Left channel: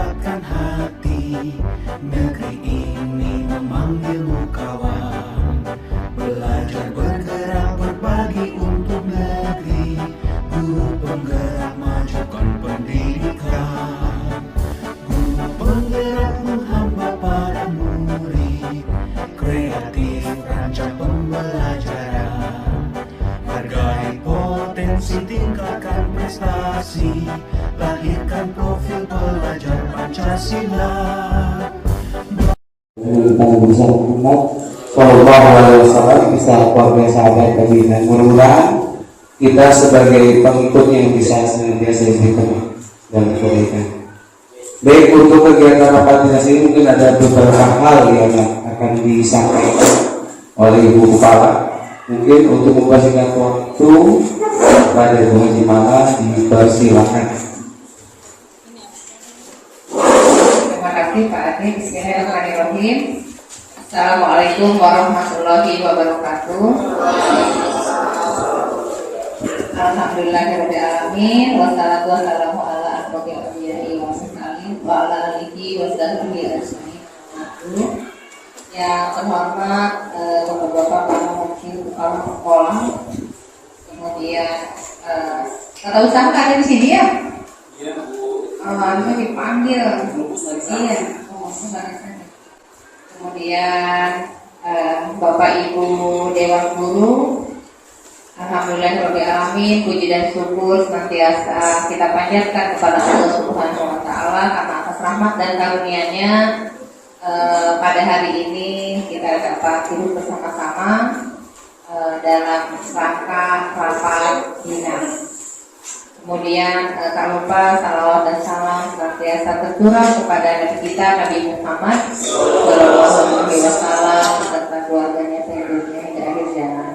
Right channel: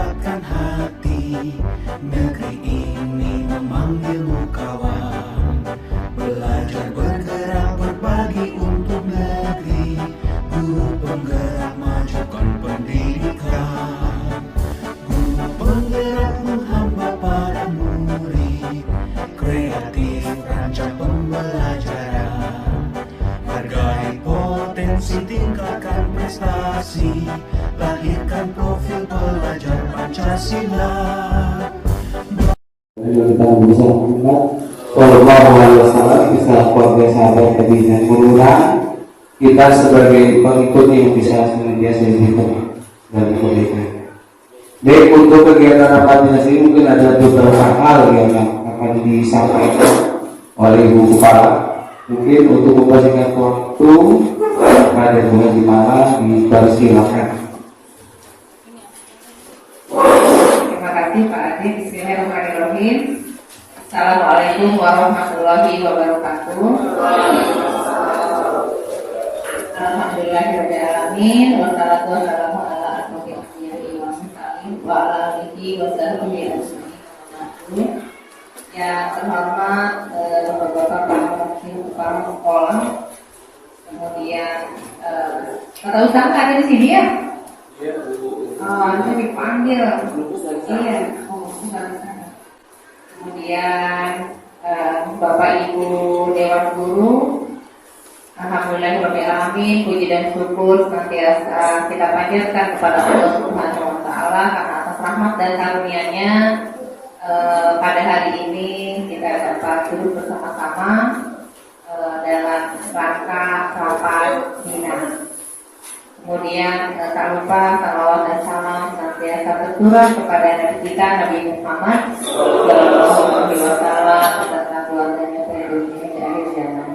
kuatkan hati. Negeri ini memanggilmu kawan. Belajar bergerak berbagi untuk negeri. Guru penggerak majukan pendidikan. Guru penggerak menghamba para murid. Kreatif rancang pembelajaran. Hargai potensi, tingkatkan prestasi. Lahirkan profil pelajar Pancasila. Kita bisa mengingat Sallallahu bisa keluarga sahabat tadi dan berulang kita sebagai pengikutnya yang bisa senantiasa diberikan dan kebaikan. Baik, untuk kegiatan rapat dinas ini mungkin ada beberapa hal yang akan disampaikan oleh Ibu Kepala. Mungkin untuk mempersingkat waktu pada bulan di mana dipersilakan. Terima kasih Pak Adi. Bismillahirrahmanirrahim. Assalamualaikum warahmatullahi wabarakatuh. Alhamdulillahirrahmanirrahim. Wassalatu wassalamu ala asrofil anbiya'i wal mursalin wa ala alihi wa sahbihi ajma'in. Yang terhormat Bapak Wakil Kepala Sekolah, kemudian kata usaha ada di sini ya? Iya Bu. Harusnya dipanggil. Iya. Kemudian Bapak Ibu Dewan Guru, alhamdulillahirobbilalamin, puji dan syukur senantiasa kita panjatkan kepada Allah Subhanahu Wa Taala karena atas rahmat dan karunia-Nya pada hari ini kita dapat duduk bersama-sama dalam rangka rapat dinas. Kemudian tak lupa salawat dan salam senantiasa tercurah kepada Nabi kita Nabi Muhammad Sallallahu Alaihi Wasallam serta keluarganya penduduknya di akhir zaman.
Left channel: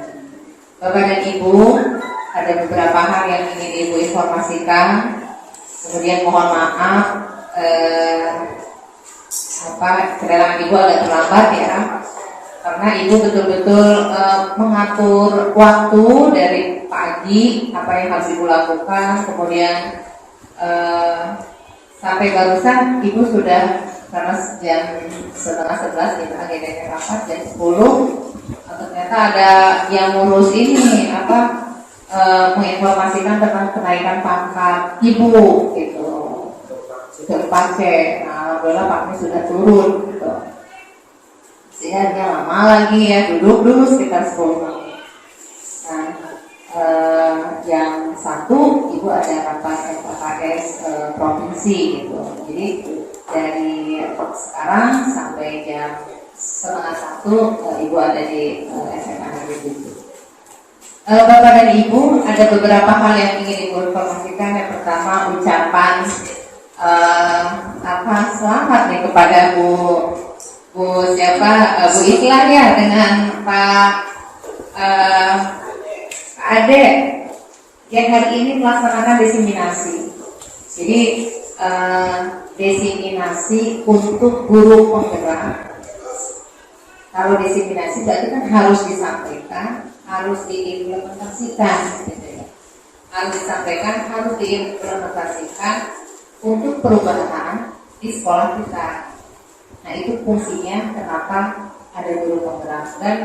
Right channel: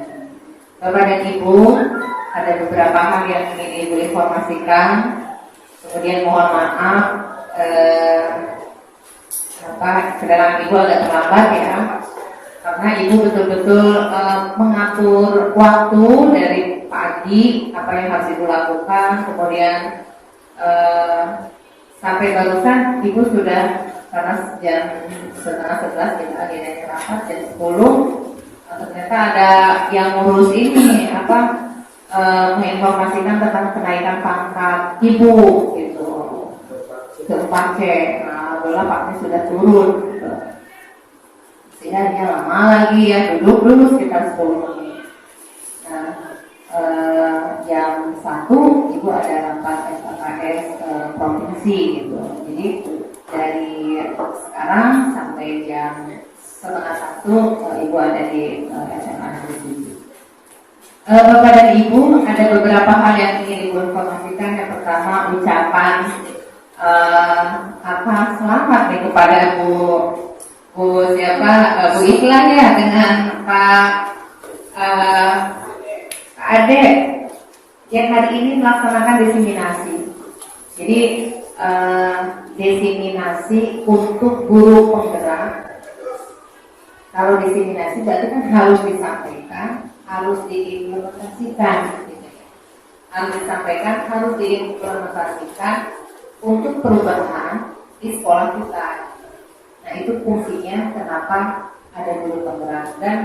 Bapak dan Ibu, ada beberapa hal yang ingin Ibu informasikan. Kemudian mohon maaf kedatangan Ibu agak terlambat ya, karena Ibu betul-betul mengatur waktu dari pagi apa yang harus Ibu lakukan, kemudian sampai barusan Ibu sudah, karena jam 10:30 kita agendanya rapat jam 10, ternyata ada yang ngurus ini menginformasikan tentang kenaikan pangkat Ibu gitu ke 4C. Nah, alhamdulillah Pak sudah turun gitu. Sehingga lama lagi ya, duduk dulu sekitar 10 menit. Nah, yang satu Ibu ada rapat FKS provinsi gitu. Jadi dari sekarang sampai jam 12:30 Ibu ada di SMA Negeri 7. Bapak dan Ibu, ada beberapa hal yang ingin Ibu informasikan. Yang pertama, ucapan selamat nih kepada Bu Islan ya, dengan Pak Ade yang hari ini melaksanakan diseminasi. Jadi diseminasi untuk guru penggerak. Kalau diseminasi berarti kan harus disampaikan, harus diimplementasikan, harus disampaikan, harus diimplementasikan untuk perubahan di sekolah kita. Nah, itu fungsinya kenapa ada guru penggerak. Dan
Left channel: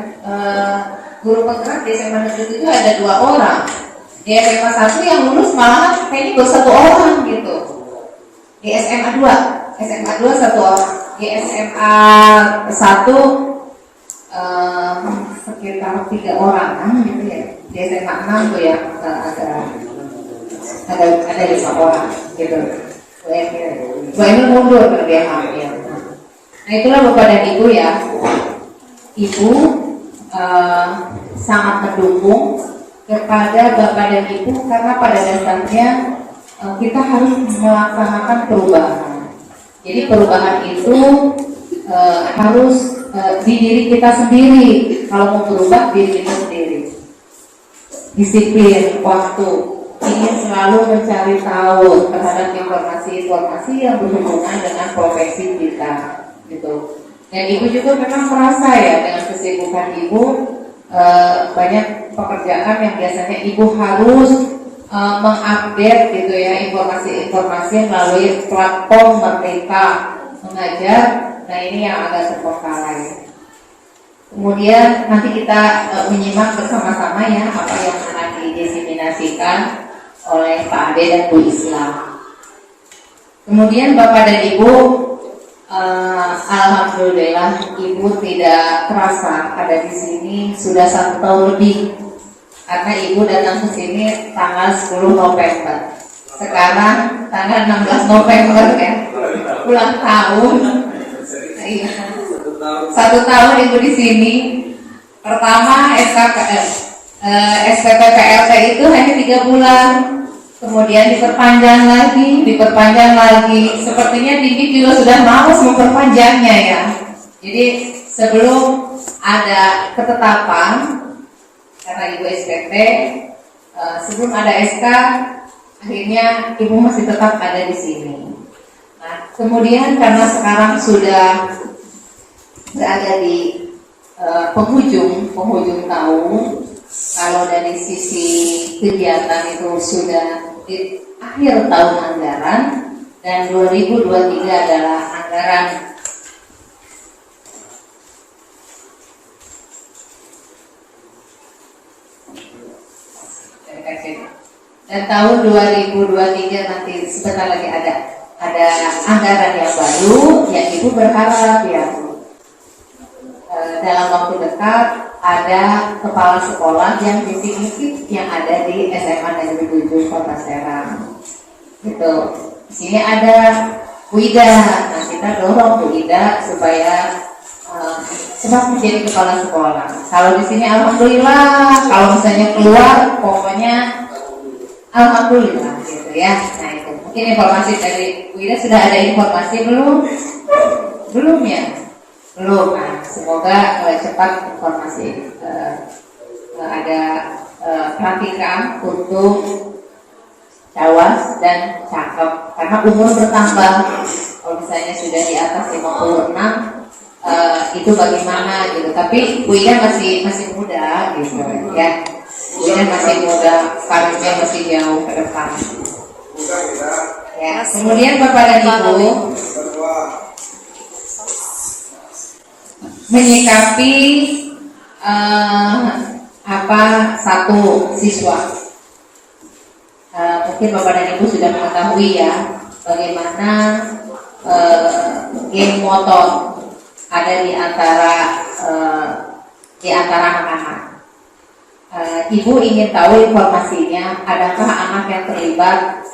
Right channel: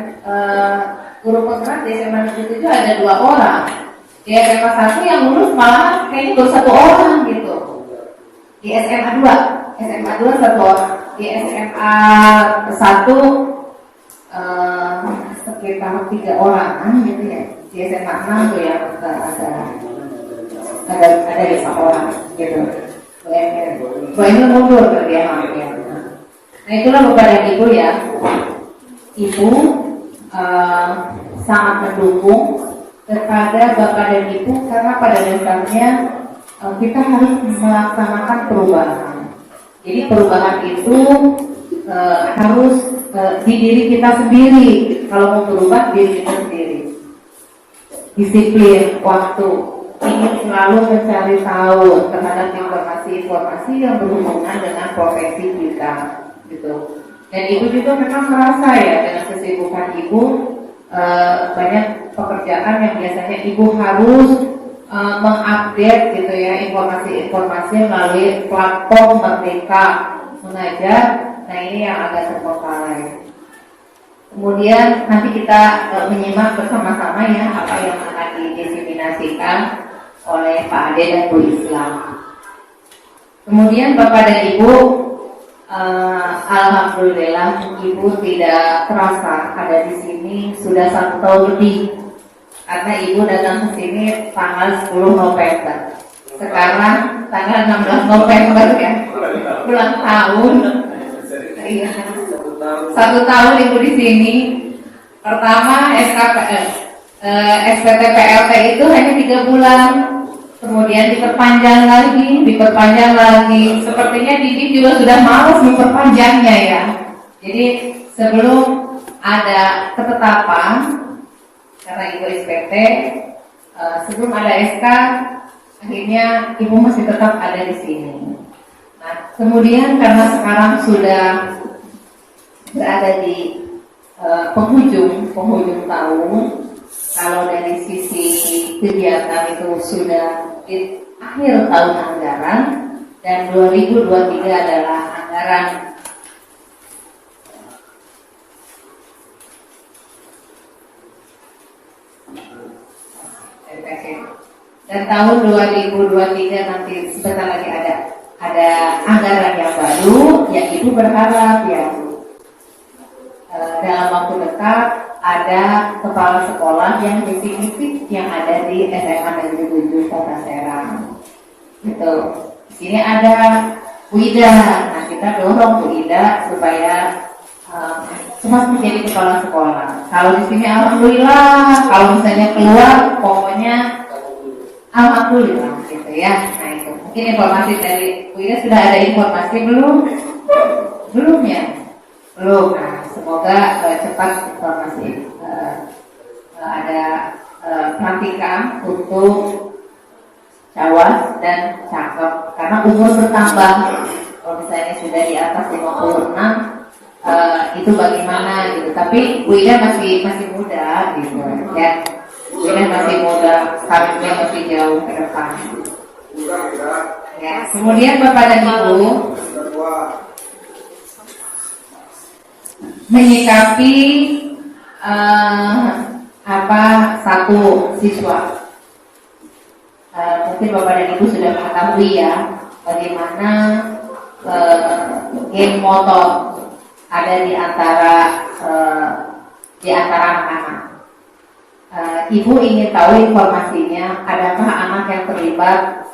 guru penggerak di SMA Negeri 7 ada 2 orang. Di SMA 1 yang lulus malah kayaknya baru 1 orang gitu. Di SMA 2 1 orang. Di SMA 1 sekitar 3 orang gitu ya. Di SMA 6 tuh ya ada 5 orang gitu. Gue ini mundur ke dia hampir. Nah, itulah Bapak dan Ibu ya. Ibu sangat mendukung kepada Bapak dan Ibu karena pada dasarnya kita harus melaksanakan perubahan. Jadi perubahan itu harus di diri kita sendiri. Kalau mau berubah, diri kita sendiri. Disiplin waktu, ingin selalu mencari tahu terhadap informasi-informasi yang berhubungan dengan profesi kita, gitu. Dan Ibu juga memang merasa ya dengan kesibukan Ibu banyak pekerjaan yang biasanya Ibu harus mengupdate gitu ya informasi-informasi melalui platform Merdeka Mengajar. Nah ini yang agak terbengkalai. Kemudian nanti kita menyimak bersama-sama ya apa yang akan didiseminasikan oleh Pak Ade dan Bu Islam. Kemudian Bapak dan Ibu, alhamdulillah Ibu tidak terasa ada di sini sudah 1 tahun lebih, karena Ibu datang ke sini tanggal 10 November. Sekarang tanggal 16 November ya, ulang tahun. Iya. 1 tahun Ibu di sini. Pertama SPP PLT itu hanya 3 bulan. Kemudian diperpanjang lagi. Sepertinya Didi juga sudah malas memperpanjangnya ya. Jadi sebelum ada ketetapan, karena Ibu SPP, sebelum ada SK, akhirnya Ibu masih tetap ada di sini. Nah, kemudian karena sekarang sudah berada di penghujung tahun, kalau dari sisi kegiatan itu sudah di akhir tahun anggaran, dan 2023 adalah anggaran dan tahun 2023 nanti sebentar lagi ada anggaran yang baru, yang Ibu berharap ya dalam waktu dekat ada kepala sekolah yang definitif yang ada di SMA Negeri 7 Kota Serang. Gitu. Di sini ada Bu Ida. Nah, kita dorong Bu Ida supaya cepat menjadi kepala sekolah. Kalau di sini alhamdulillah, kalau misalnya keluar pokoknya alhamdulillah gitu ya. Nah itu mungkin informasi dari Bu Ida. Sudah ada informasi belum? Belum ya? Belum. Nah, semoga cepat informasi. Ada pelantikan untuk cawas dan cakep, karena umur bertambah. Kalau misalnya sudah di atas 56, itu bagaimana gitu. Tapi Bu Ida masih muda gitu ya. Bu Ida masih muda, karirnya masih jauh ke depan. Ya, kemudian Bapak dan Ibu menyikapi satu siswa. Mungkin Bapak dan Ibu sudah mengetahui ya bagaimana geng motor ada di antara anak-anak. Ibu ingin tahu informasinya, adakah anak yang terlibat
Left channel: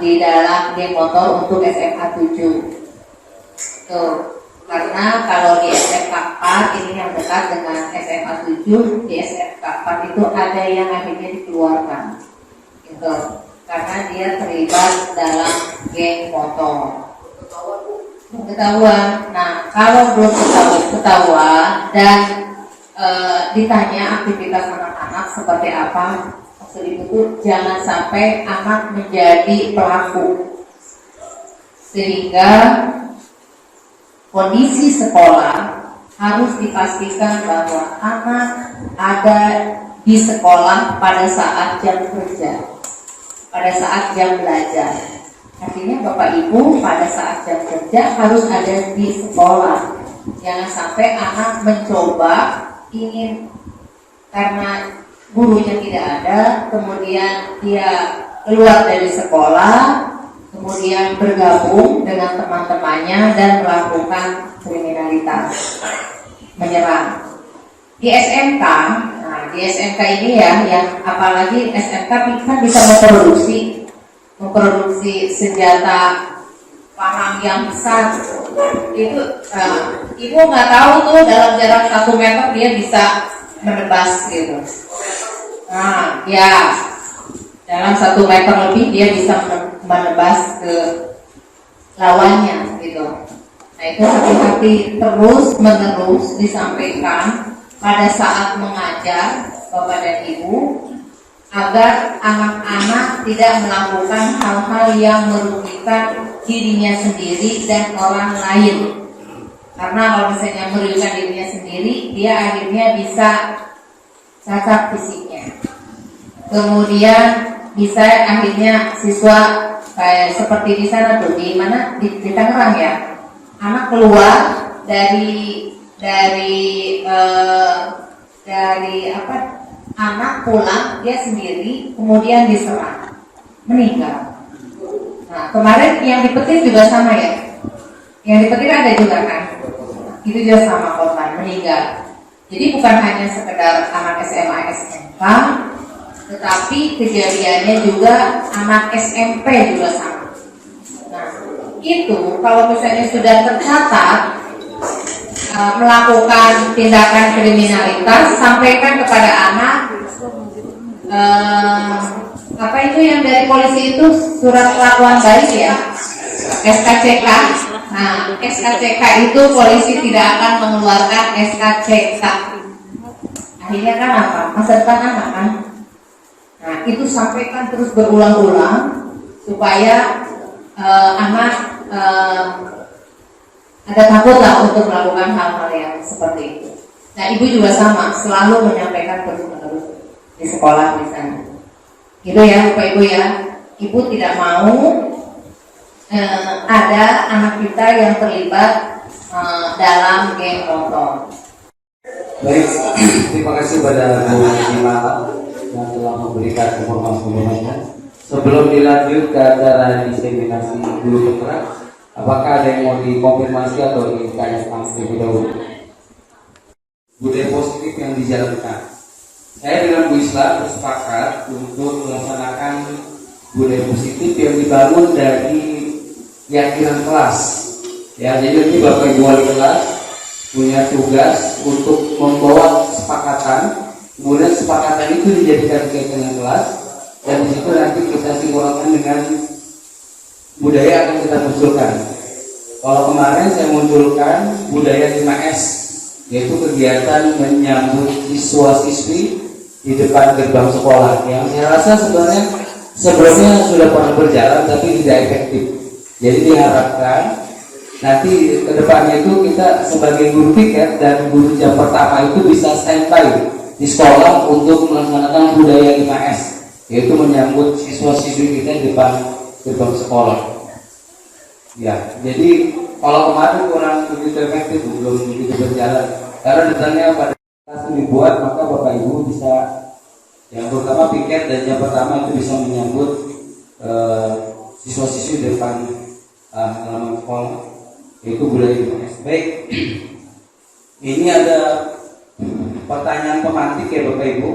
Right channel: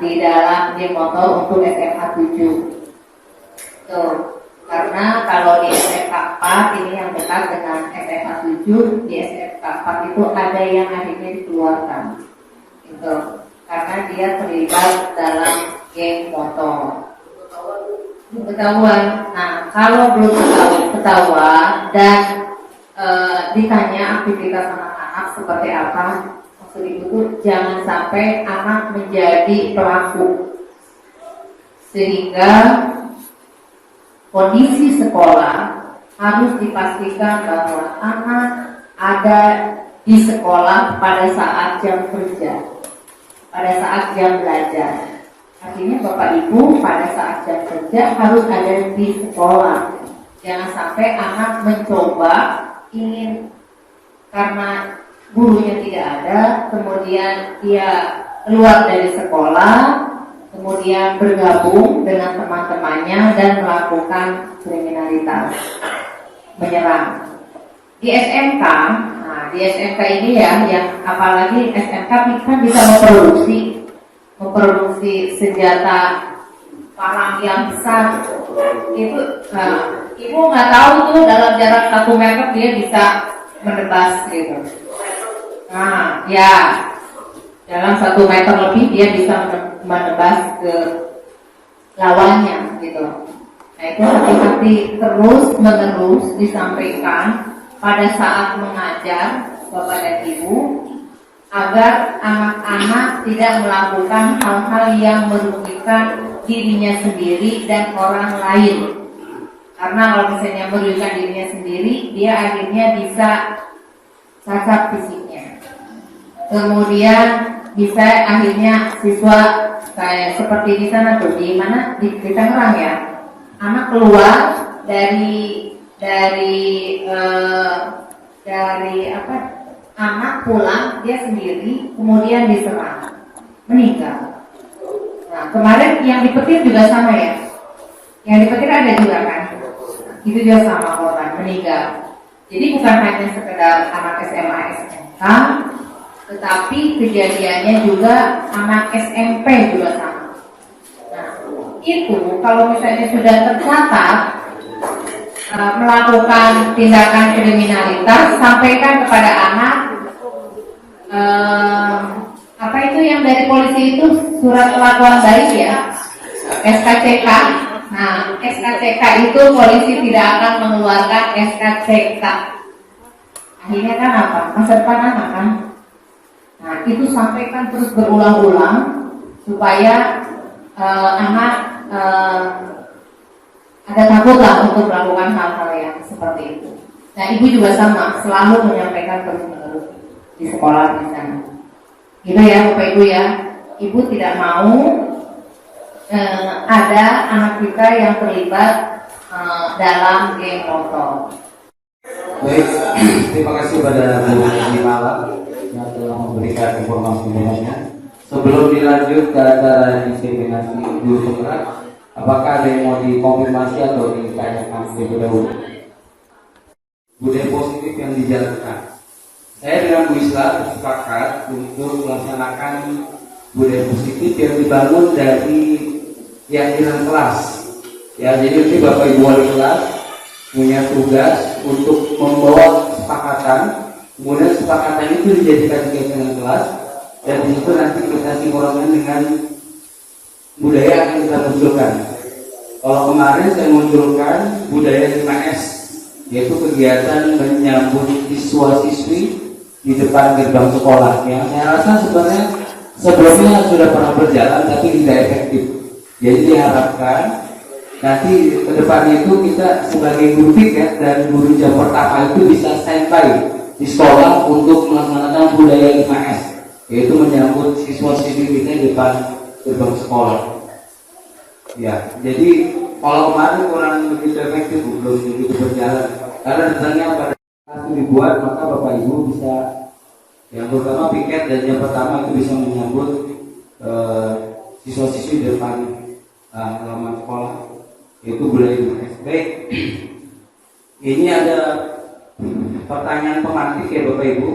di dalam geng motor untuk SMA 7? Tuh. Karena kalau di SMK 4 ini yang dekat dengan SMA 7, di SMK 4 itu ada yang akhirnya dikeluarkan gitu, karena dia terlibat dalam geng motor. Ketahuan. Nah, kalau belum ketahuan dan ditanya aktivitas anak-anak seperti apa, maksud itu jangan sampai anak menjadi pelaku, sehingga kondisi sekolah harus dipastikan bahwa anak ada di sekolah pada saat jam kerja, pada saat jam belajar. Artinya Bapak Ibu pada saat jam kerja harus ada di sekolah. Jangan sampai anak mencoba ingin karena gurunya tidak ada, kemudian dia keluar dari sekolah, kemudian bergabung dengan teman-temannya dan melakukan kriminalitas, menyerang. Di SMK, nah di SMK ini ya, yang apalagi SMK kan bisa memproduksi senjata parang yang besar. Itu Ibu nggak tahu tuh dalam jarak 1 meter dia bisa menebas gitu. Nah ya, dalam 1 meter lebih dia bisa menebas ke lawannya gitu. Nah itu hati-hati, terus menerus disampaikan pada saat mengajar Bapak dan Ibu, agar anak-anak tidak melakukan hal-hal yang merugikan dirinya sendiri dan orang lain. Karena kalau misalnya merugikan dirinya sendiri, dia akhirnya bisa cacat fisiknya. Kemudian bisa akhirnya siswa kayak seperti di sana tuh, di mana di Tangerang ya, anak keluar dari apa, anak pulang dia sendiri kemudian diserang meninggal. Nah kemarin yang di Petir juga sama ya, yang di Petir ada juga kan, itu juga sama korban meninggal. Jadi bukan hanya sekedar anak SMA SMK, tetapi kejadiannya juga anak SMP juga sama. Nah itu kalau misalnya sudah tercatat melakukan tindakan kriminalitas, sampaikan kepada anak apa itu yang dari polisi itu, surat kelakuan baik ya, SKCK. Nah SKCK itu polisi tidak akan mengeluarkan SKCK, akhirnya kan apa, masa depan anak kan. Nah itu sampaikan terus berulang-ulang supaya anak ada takut lah untuk melakukan hal-hal yang seperti itu. Nah ibu juga sama, selalu menyampaikan terus-menerus di sekolah di sana. Gitu ya Bapak Ibu ya, ibu tidak mau ada anak kita yang terlibat dalam geng motor. Baik, terima kasih pada Bu Nimala yang telah memberikan informasi-nya. Sebelum dilanjut ke acara diseminasi guru penggerak, apakah ada yang mau dikonfirmasi atau ditanyakan terlebih dahulu? Budaya positif yang dijalankan. Saya dengan Bu Isla bersepakat untuk melaksanakan budaya positif yang dibangun dari keyakinan kelas. Ya, jadi nanti Bapak Ibu wali kelas punya tugas untuk membawa kesepakatan, kemudian kesepakatan itu dijadikan keyakinan kelas, dan di situ nanti kita sinkronkan dengan budaya yang kita munculkan. Kalau kemarin saya munculkan budaya 5S, yaitu kegiatan menyambut siswa-siswi di depan gerbang sekolah, yang saya rasa sebenarnya sebelumnya sudah pernah berjalan tapi tidak efektif. Jadi diharapkan nanti ke depannya itu kita sebagai guru piket dan guru jam pertama itu bisa standby di sekolah untuk melaksanakan budaya 5S, yaitu menyambut siswa-siswi kita di depan gerbang sekolah. Ya, jadi kalau kemarin kurang begitu efektif, belum begitu berjalan. Karena detailnya pada kelas dibuat, maka Bapak Ibu bisa yang pertama piket dan yang pertama itu bisa menyambut siswa-siswi di depan halaman sekolah, yaitu budaya 5S. Baik, ini ada pertanyaan pemantik ya Bapak Ibu.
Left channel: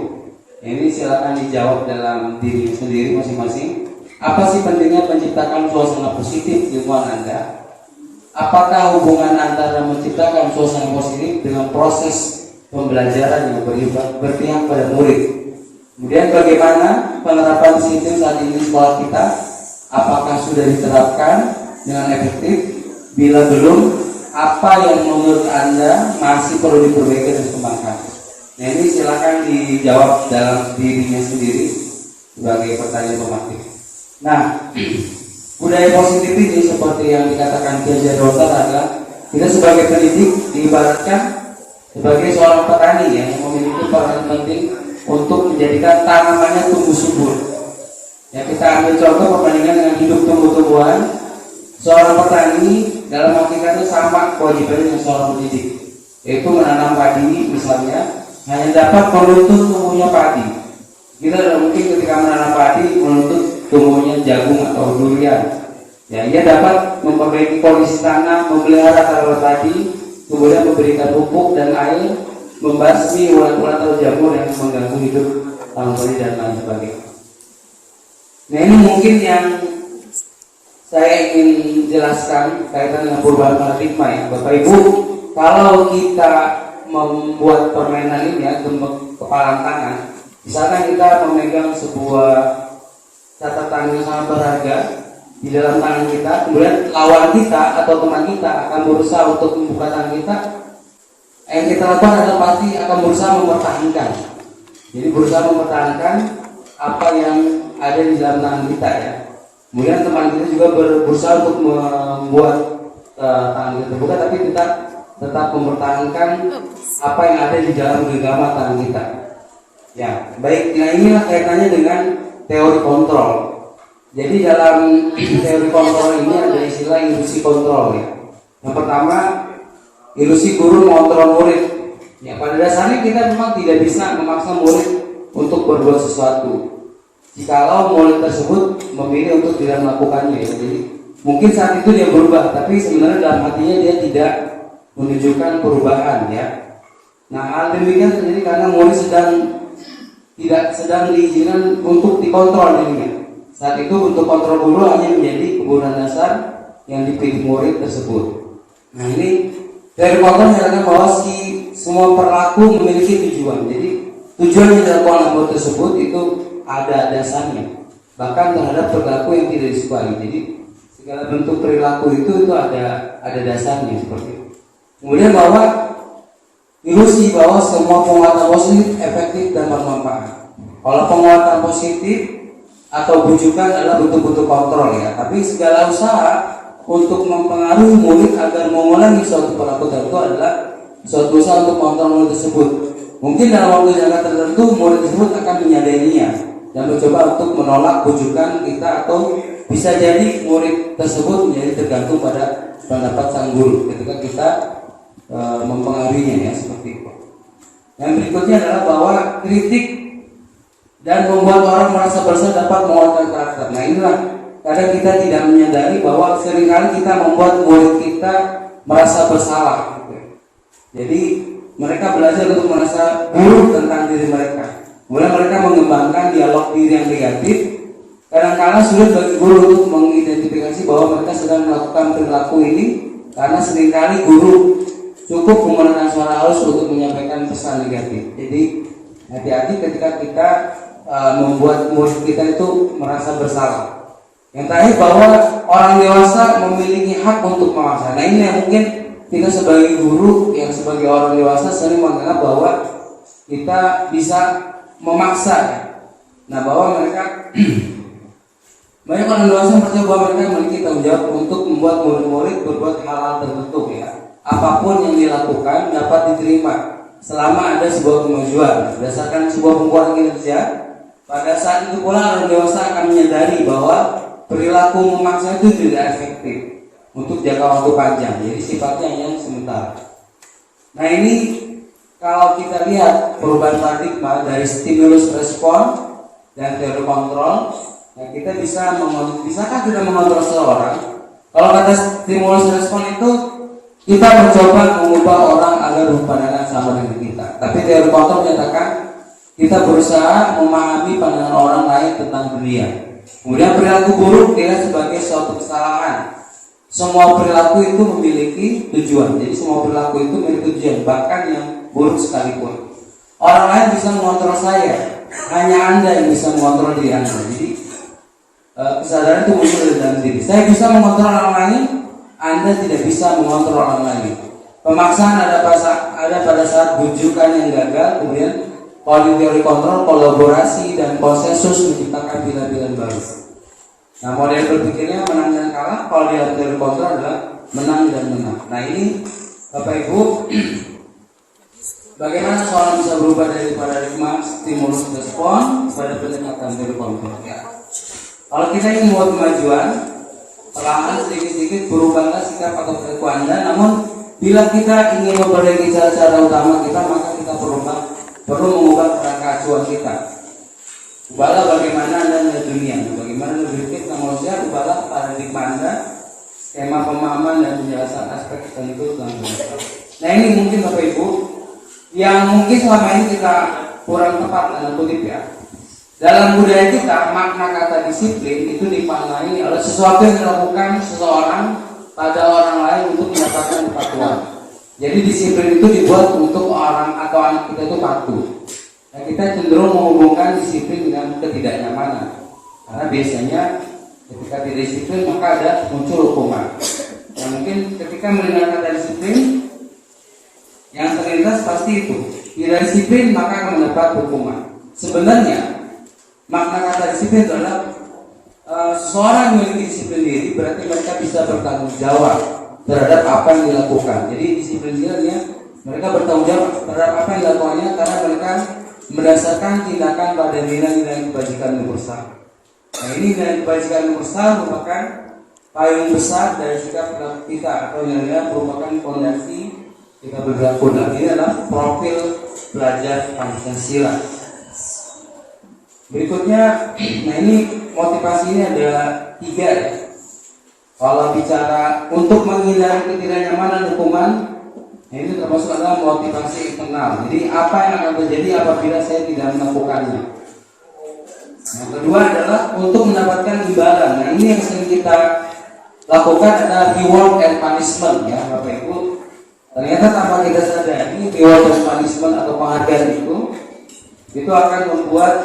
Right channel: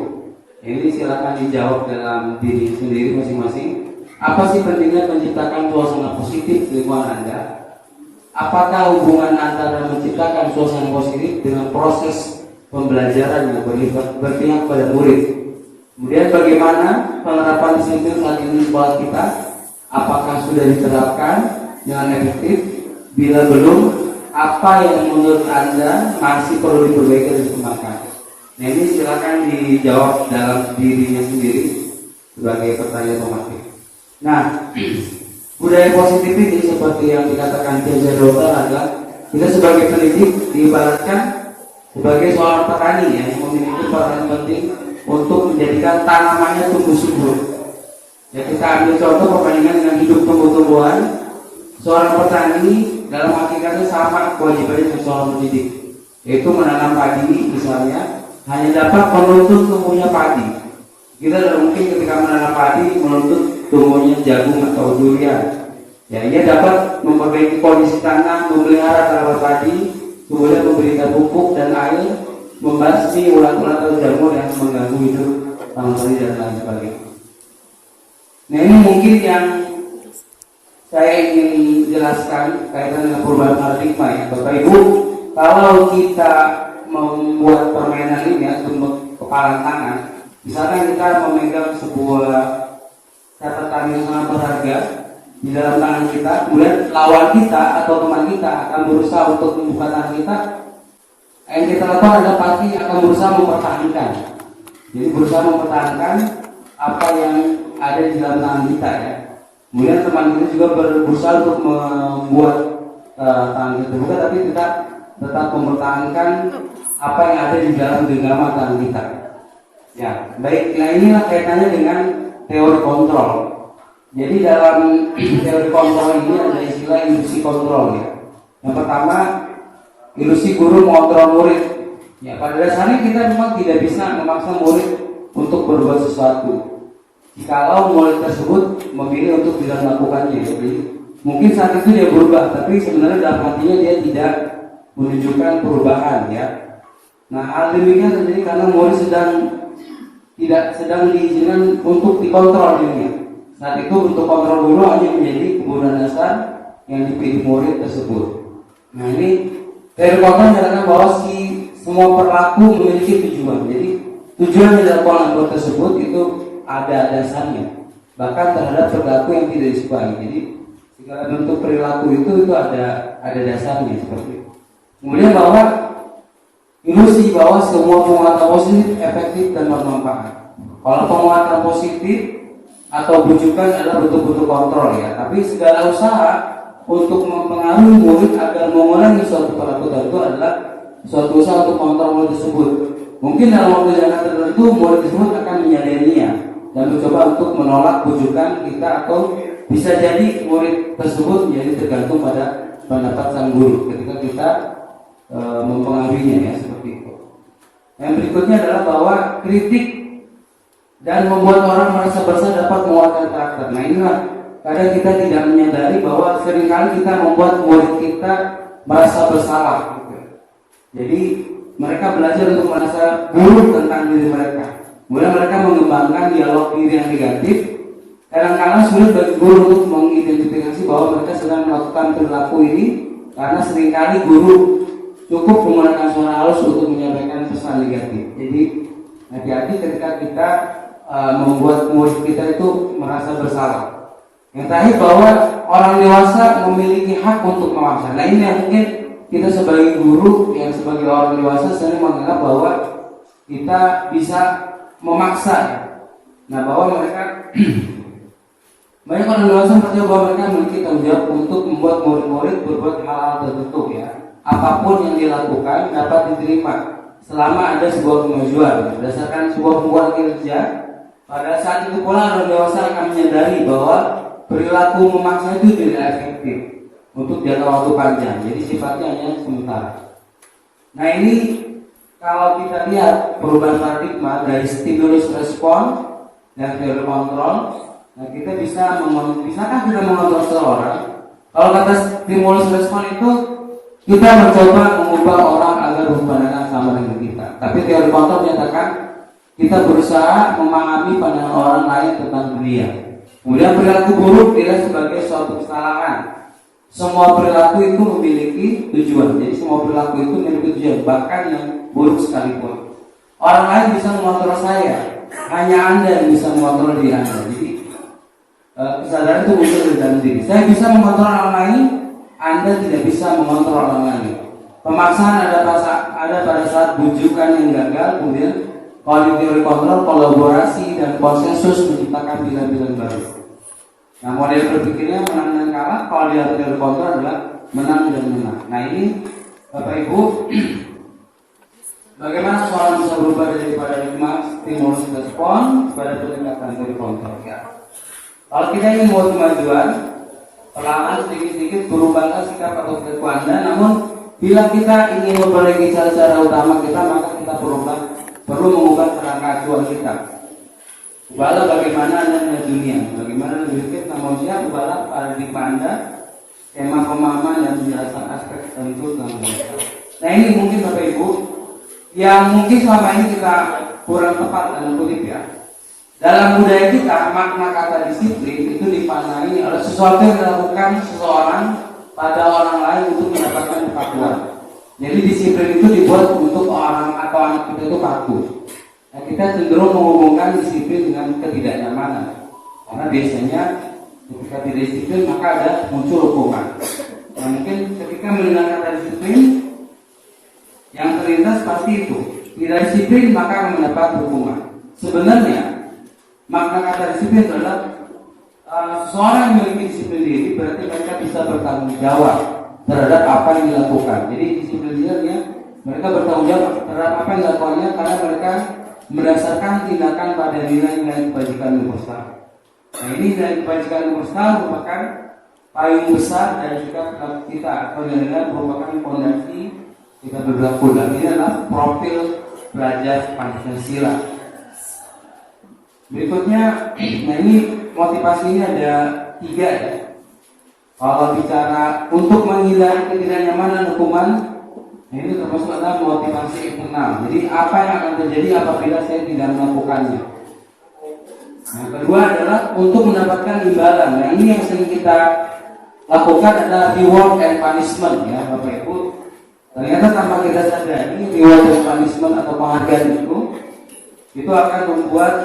Ini silakan dijawab dalam diri sendiri masing-masing. Apa sih pentingnya menciptakan suasana positif di lingkungan Anda? Apakah hubungan antara menciptakan suasana positif dengan proses pembelajaran yang berpihak pada murid? Kemudian bagaimana penerapan disiplin saat ini di sekolah kita? Apakah sudah diterapkan dengan efektif? Bila belum, apa yang menurut Anda masih perlu diperbaiki dan dikembangkan? Nah ini silakan dijawab dalam dirinya sendiri sebagai pertanyaan otomatis. Nah, budaya positif ini seperti yang dikatakan Kiai Rotar adalah kita sebagai pendidik diibaratkan sebagai seorang petani yang memiliki peran penting untuk menjadikan tanamannya tumbuh subur. Ya, kita ambil contoh perbandingan dengan hidup tumbuh-tumbuhan. Seorang petani dalam hakikatnya sama kewajibannya dengan seorang pendidik, yaitu menanam padi misalnya hanya dapat menuntut tumbuhnya padi. Kita tidak mungkin ketika menanam padi menuntut tumbuhnya jagung atau durian. Ya, ia dapat memperbaiki kondisi tanah, memelihara tanaman tadi, kemudian memberikan pupuk dan air, membasmi ulat-ulat atau jamur yang mengganggu hidup tanaman tadi dan lain sebagainya. Nah ini mungkin yang saya ingin jelaskan kaitan dengan perubahan paradigma ya Bapak Ibu. Kalau kita membuat permainan ini ya, untuk kepalan tangan, misalkan kita memegang sebuah catatan yang sangat berharga di dalam tangan kita, kemudian lawan kita atau teman kita akan berusaha untuk membuka tangan kita, yang kita lakukan adalah pasti akan berusaha mempertahankan. Jadi berusaha mempertahankan apa yang ada di dalam tangan kita ya. Kemudian teman kita juga berusaha untuk membuat tangan kita terbuka, tapi kita tetap mempertahankan apa yang ada di dalam genggaman tangan kita. Ya, baik. Nah inilah kaitannya dengan teori kontrol. Jadi dalam teori kontrol ini ada istilah ilusi kontrol ya. Yang pertama, ilusi guru mengontrol murid. Ya, pada dasarnya kita memang tidak bisa memaksa murid untuk berbuat sesuatu. Jikalau murid tersebut memilih untuk tidak melakukannya, jadi mungkin saat itu dia berubah, tapi sebenarnya dalam hatinya dia tidak menunjukkan perubahan ya. Nah, hal demikian terjadi karena murid tidak sedang diizinkan untuk dikontrol dirinya. Saat itu untuk kontrol guru hanya menjadi kebutuhan dasar yang dipilih murid tersebut. Nah, ini dari kontrol menyatakan bahwa semua perilaku memiliki tujuan. Jadi tujuan yang dilakukan oleh tersebut itu ada dasarnya, bahkan terhadap perilaku yang tidak disukai. Jadi segala bentuk perilaku itu ada dasarnya seperti itu. Kemudian bahwa ilusi bahwa semua penguatan positif efektif dan bermanfaat. Kalau penguatan positif atau bujukan adalah bentuk-bentuk kontrol ya, tapi segala usaha untuk mempengaruhi murid agar mengulangi suatu perilaku tertentu adalah suatu usaha untuk kontrol murid tersebut. Mungkin dalam waktu jangka tertentu murid tersebut akan menyadarinya dan mencoba untuk menolak bujukan kita, atau bisa jadi murid tersebut menjadi tergantung pada pendapat sang guru ketika kita mempengaruhinya ya, seperti itu. Yang berikutnya adalah bahwa kritik dan membuat orang merasa bersalah dapat menguatkan karakter. Nah, inilah kadang kita tidak menyadari bahwa seringkali kita membuat murid kita merasa bersalah. Jadi mereka belajar untuk merasa buruk tentang diri mereka. Kemudian mereka mengembangkan dialog diri yang negatif. Kadang-kadang sulit bagi guru untuk mengidentifikasi bahwa mereka sedang melakukan perilaku ini, karena seringkali guru cukup menggunakan suara halus untuk menyampaikan pesan negatif. Jadi hati-hati ketika kita membuat murid kita itu merasa bersalah. Yang terakhir, bahwa orang dewasa memiliki hak untuk memaksa. Nah, ini yang mungkin kita sebagai guru yang sebagai orang dewasa sering menganggap bahwa kita bisa memaksa ya. Nah, bahwa mereka banyak orang dewasa percaya bahwa mereka memiliki tanggung jawab untuk membuat murid-murid berbuat hal-hal tertentu ya. Apapun yang dilakukan dapat diterima selama ada sebuah kemajuan berdasarkan sebuah penguatan kinerja. Pada saat itu pula orang dewasa akan menyadari bahwa perilaku memaksa itu tidak efektif untuk jangka waktu panjang, jadi sifatnya hanya sementara. Nah, ini kalau kita lihat perubahan paradigma dari stimulus respon dan teori kontrol, nah kita bisakah kita mengontrol seseorang? Kalau kata stimulus respon itu kita mencoba mengubah orang agar berpandangan sama dengan kita, tapi teori kontrol menyatakan kita berusaha memahami pandangan orang lain tentang dunia. Kemudian perilaku buruk dia sebagai suatu kesalahan. Semua perilaku itu memiliki tujuan. Jadi semua perilaku itu memiliki tujuan, bahkan yang buruk sekalipun. Orang lain bisa mengontrol saya, hanya Anda yang bisa mengontrol diri Anda. Jadi kesadaran itu muncul dari dalam diri. Saya bisa mengontrol orang lain, Anda tidak bisa mengontrol orang lain. Pemaksaan ada pada saat bujukan yang gagal. Kemudian kalau di teori kontrol, kolaborasi dan konsensus menciptakan pilihan-pilihan baru. Nah, model berpikirnya menang dan kalah. Kalau di dalam teori kontrol adalah menang dan menang. Nah, ini Bapak Ibu, bagaimana soal bisa berubah dari paradigma stimulus respon pada pendekatan teori kontrol ya. Kalau kita ingin membuat kemajuan, perlahan sedikit-sedikit berubahlah sikap atau perilaku Anda. Namun bila kita ingin memperbaiki cara-cara utama kita, maka kita perlu mengubah kerangka acuan kita. Ubahlah bagaimana Anda melihat dunia, bagaimana berpikir tentang manusia. Ubahlah paradigma Anda, skema pemahaman dan penjelasan aspek tertentu tentang manusia. Nah, ini mungkin Bapak Ibu yang mungkin selama ini kita kurang tepat dalam kutip ya. Dalam budaya kita, makna kata disiplin itu dimaknai oleh sesuatu yang dilakukan seseorang pada orang lain untuk mendapatkan kepatuhan. Jadi disiplin itu dibuat untuk orang atau anak kita itu patuh. Nah, kita cenderung menghubungkan disiplin dengan ketidaknyamanan, karena biasanya ketika tidak disiplin maka ada muncul hukuman. Nah, mungkin ketika mendengar kata disiplin, yang terlintas pasti itu tidak disiplin maka akan mendapat hukuman. Sebenarnya makna kata disiplin adalah seseorang yang memiliki disiplin diri berarti mereka bisa bertanggung jawab terhadap apa yang dilakukan. Jadi disiplin diri mereka bertanggung jawab terhadap apa yang dilakukannya karena mereka mendasarkan tindakan pada nilai-nilai kebajikan universal. Nah ini dari kebajikan universal merupakan payung besar dari sikap kita atau yang merupakan fondasi kita berlaku. Nah ini adalah profil belajar Pancasila. Berikutnya, nah ini motivasi ini ada 3 ya. Kalau bicara untuk menghindari ketidaknyamanan hukuman, nah ini termasuk adalah motivasi internal. Jadi apa yang akan terjadi apabila saya tidak melakukannya? Nah kedua adalah untuk mendapatkan imbalan. Nah ini yang sering kita lakukan adalah reward and punishment ya Bapak Ibu. Ternyata tanpa kita sadari reward and punishment atau penghargaan itu akan membuat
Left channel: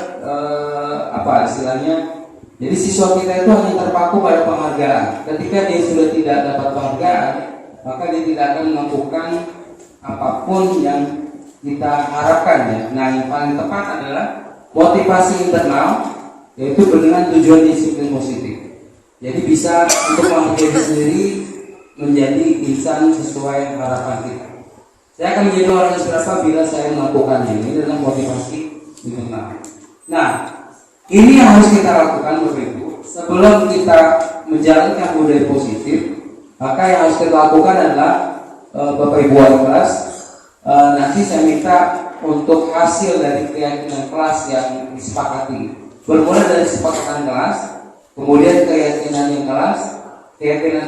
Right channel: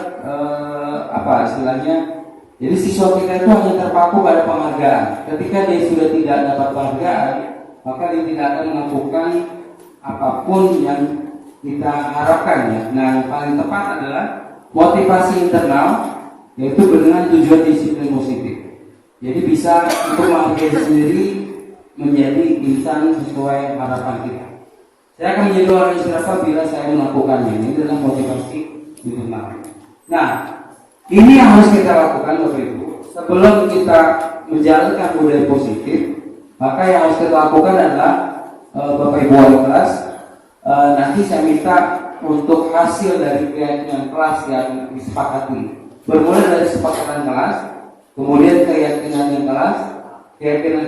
apa istilahnya? Jadi siswa kita itu hanya terpaku pada penghargaan. Ketika dia sudah tidak dapat penghargaan, maka dia tidak akan melakukan apapun yang kita harapkan ya. Nah yang paling tepat adalah motivasi internal, yaitu dengan tujuan disiplin positif. Jadi bisa untuk menghargai diri sendiri menjadi insan sesuai harapan kita. Saya akan menjadi orang inspiratif bila saya melakukannya. Ini adalah motivasi internal. Nah, ini yang harus kita lakukan Bapak Ibu. Sebelum kita menjalankan budaya positif, maka yang harus kita lakukan adalah Bapak Ibu wali kelas, nanti saya minta untuk hasil dari keyakinan kelas yang disepakati. Bermula dari kesepakatan kelas, kemudian keyakinan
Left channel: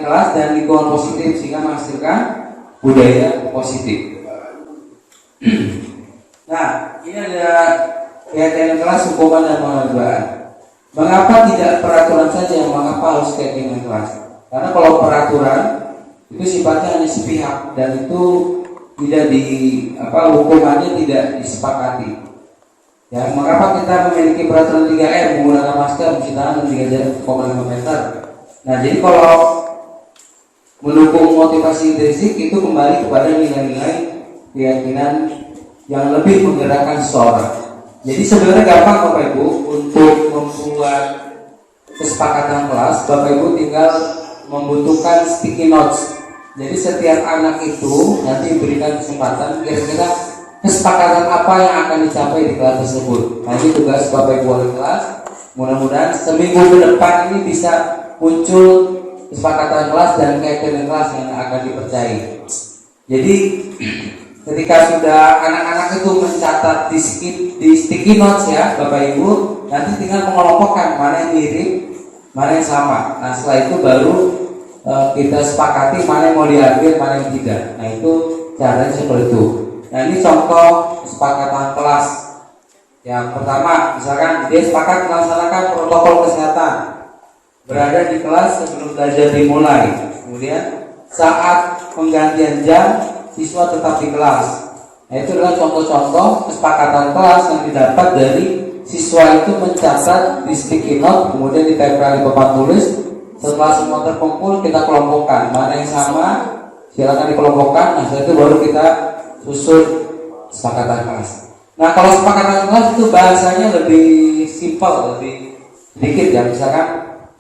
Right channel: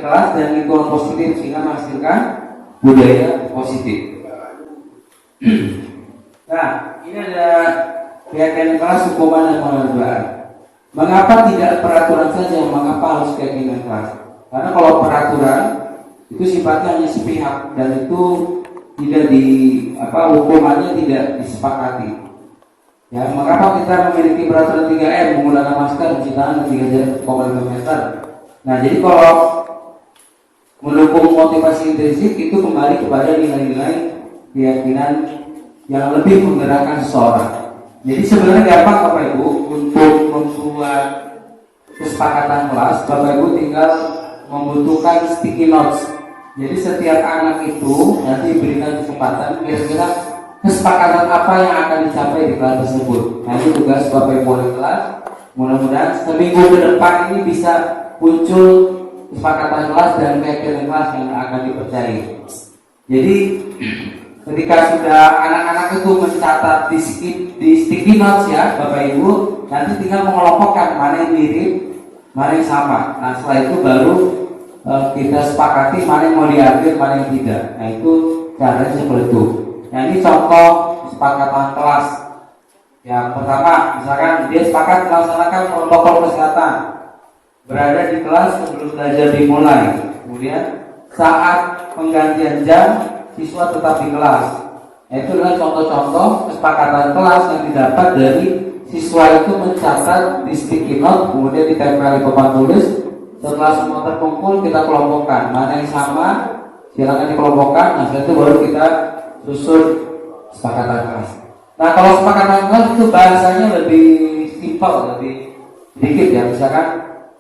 kelas dan lingkungan positif sehingga menghasilkan budaya positif. Nah, ini ada keyakinan kelas, hukuman dan penghargaan. Mengapa tidak peraturan saja? Mengapa harus keyakinan kelas? Karena kalau peraturan itu sifatnya hanya sepihak dan itu tidak hukumannya tidak disepakati. Ya, mengapa kita memiliki peraturan 3M menggunakan masker, mencuci tangan, dan 3 jarak 1,5 meter? Nah, jadi kalau mendukung motivasi intrinsik itu kembali kepada nilai-nilai keyakinan yang lebih menggerakkan seseorang. Jadi sebenarnya gampang Bapak Ibu untuk membuat kesepakatan kelas. Bapak Ibu tinggal membutuhkan sticky notes. Jadi setiap anak itu nanti berikan kesempatan kira-kira kesepakatan apa yang akan dicapai di kelas tersebut. Nanti tugas Bapak Ibu wali kelas. Mudah-mudahan seminggu ke depan ini bisa muncul kesepakatan kelas dan keyakinan kelas yang akan dipercayai. Jadi ketika sudah anak-anak itu mencatat di sticky notes ya Bapak Ibu, nanti tinggal mengelompokkan mana yang mirip, mana yang sama. Nah setelah itu baru kita sepakati mana yang mau diambil, mana yang tidak. Nah itu caranya seperti itu. Nah ini contoh kesepakatan kelas. Yang pertama, misalkan dia sepakat melaksanakan protokol kesehatan, berada di kelas sebelum belajar dimulai. Kemudian saat penggantian jam, siswa tetap di kelas. Nah itu adalah contoh-contoh kesepakatan kelas yang didapat dari siswa itu mencatat di sticky note, kemudian ditempel di papan tulis. Setelah semua terkumpul, kita kelompokkan mana yang sama, silakan dikelompokkan. Nah setelah itu baru kita susun kesepakatan kelas. Nah kalau kesepakatan kelas itu bahasanya lebih simpel, lebih sedikit ya. Misalkan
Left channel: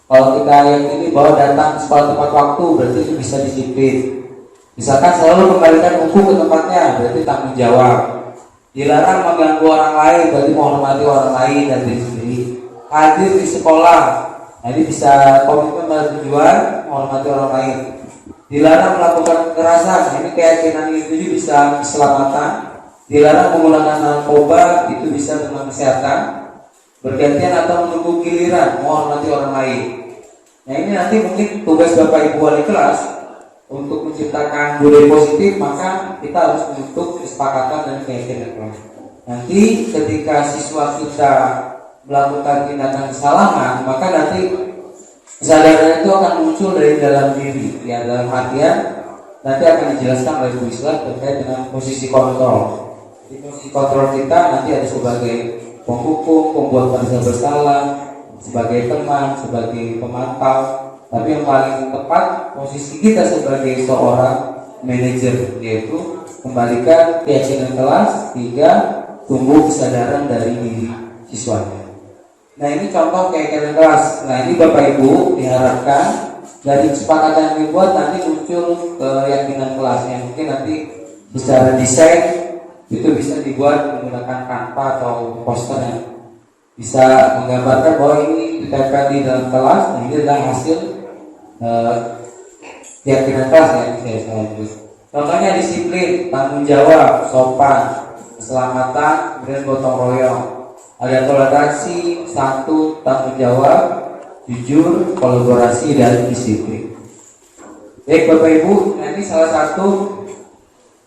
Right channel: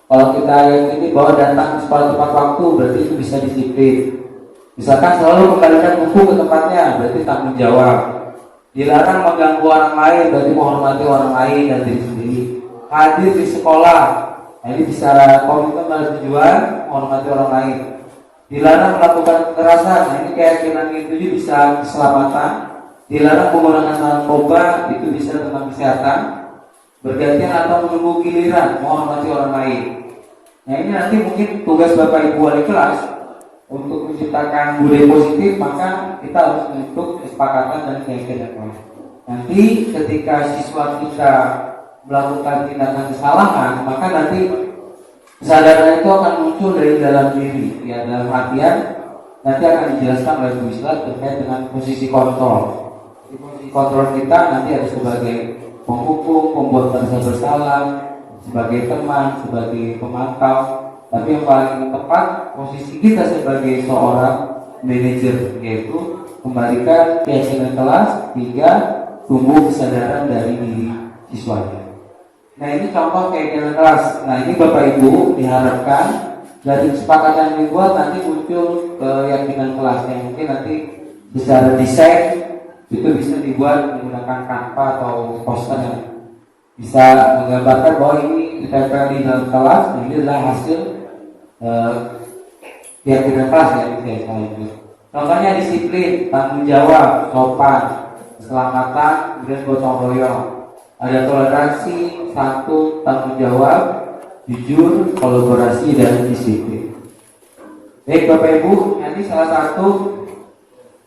kalau kita yakini bahwa datang ke sekolah tepat waktu, berarti itu bisa disiplin. Misalkan selalu kembalikan buku ke tempatnya, berarti tanggung jawab. Dilarang mengganggu orang lain, berarti menghormati orang lain dan diri sendiri. Hadir di sekolah, nah ini bisa komitmen pada tujuan menghormati orang lain. Dilarang melakukan kekerasan, ini keyakinan yang tujuh bisa keselamatan. Dilarang menggunakan narkoba, itu bisa tentang kesehatan. Bergantian atau menunggu giliran, menghormati orang lain. Nah ini nanti mungkin tugas Bapak Ibu wali kelas untuk menciptakan budaya positif, maka kita harus membentuk kesepakatan dan keyakinan. Nanti ketika siswa kita melakukan tindakan kesalahan, maka nanti kesadaran itu akan muncul dari dalam diri, ya dalam artian nanti akan dijelaskan oleh Bu Islam terkait dengan posisi kontrol. Di posisi kontrol kita nanti ada sebagai penghukum, pembuat merasa bersalah, sebagai teman, sebagai pemantau. Tapi yang paling tepat posisi kita sebagai seorang manajer, yaitu kembalikan keyakinan kelas. 3, tumbuh kesadaran dari diri siswanya. Nah ini contoh keyakinan kelas. Nah ini Bapak Ibu diharapkan dari kesepakatan yang dibuat nanti muncul keyakinan kelas yang mungkin nanti secara desain itu bisa dibuat menggunakan Canva atau poster yang bisa menggambarkan bahwa ini diterapkan di dalam kelas. Nah, ini adalah hasil keyakinan kelas ya, saya lanjut. Contohnya disiplin, tanggung jawab, sopan, keselamatan, kemudian gotong royong. Ada toleransi, santun, tanggung jawab, jujur, kolaborasi, dan disiplin. Baik Bapak Ibu, nanti salah satu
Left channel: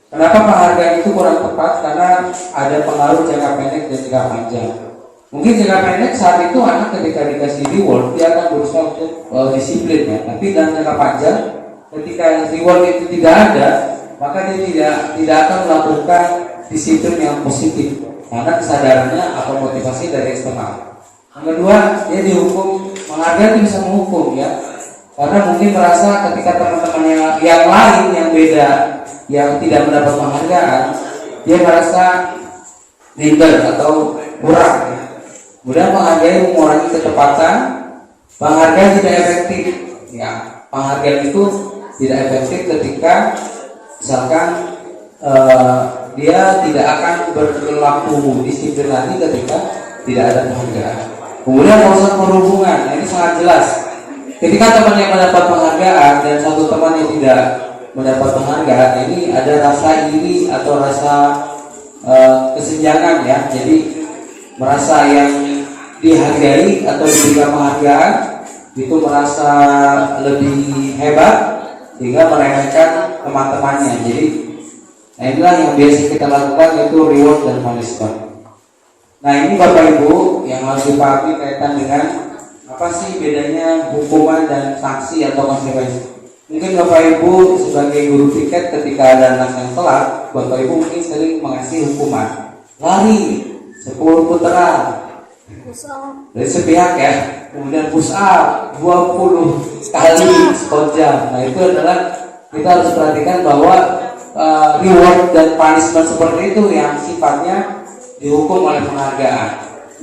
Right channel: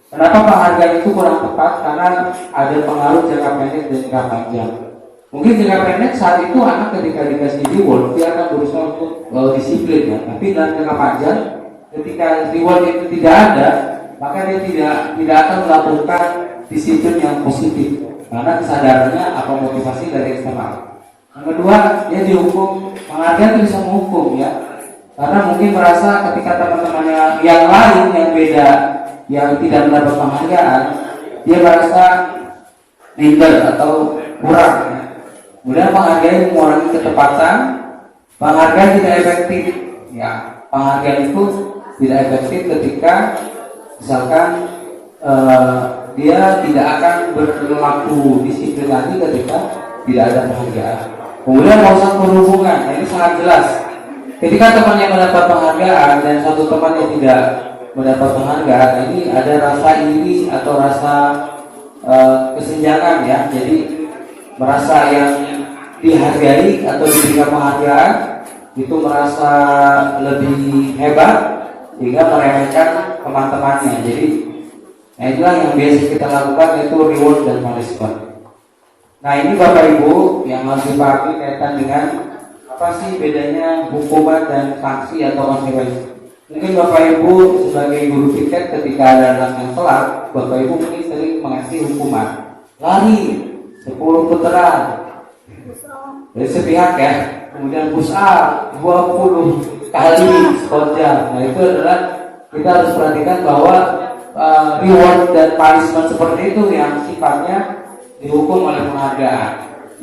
kenapa penghargaan itu kurang tepat karena ada pengaruh jangka pendek dan jangka panjang. Mungkin jangka pendek saat itu anak ketika dikasih reward dia akan berusaha untuk disiplin ya. Tapi dalam jangka panjang ketika reward itu tidak ada, maka dia tidak akan melakukan disiplin yang positif karena kesadarannya atau motivasi dari eksternal. Yang kedua, dia dihukum, penghargaan itu bisa menghukum ya. Karena mungkin merasa ketika teman-temannya yang lain yang beda, yang tidak mendapat penghargaan, dia merasa minder atau kurang. Kemudian penghargaan mengurangi kecepatan, penghargaan tidak efektif. Ya, penghargaan itu tidak efektif ketika misalkan dia tidak akan berlaku disiplin lagi ketika tidak ada penghargaan. Kemudian proses berhubungan, ini sangat jelas. Ketika teman yang mendapat penghargaan dan satu teman yang tidak mendapat penghargaan, ini ada rasa iri atau rasa kesenjangan ya. Jadi merasa yang dihargai atau diberikan penghargaan itu merasa lebih hebat sehingga meremehkan teman-temannya. Jadi inilah yang biasa kita lakukan, yaitu reward dan punishment. Nah, ini Bapak Ibu yang harus dipahami kaitan dengan apa sih bedanya hukuman dan sanksi atau konsekuensi. Mungkin Bapak Ibu sebagai guru piket ketika ada anak yang telat, Bapak Ibu mungkin sering mengasih hukuman lari 10 putaran dari sepihak ya, kemudian push up 20 kali squat jam. Nah, itu adalah kita harus perhatikan bahwa reward dan punishment seperti itu yang sifatnya dihukum oleh penghargaan.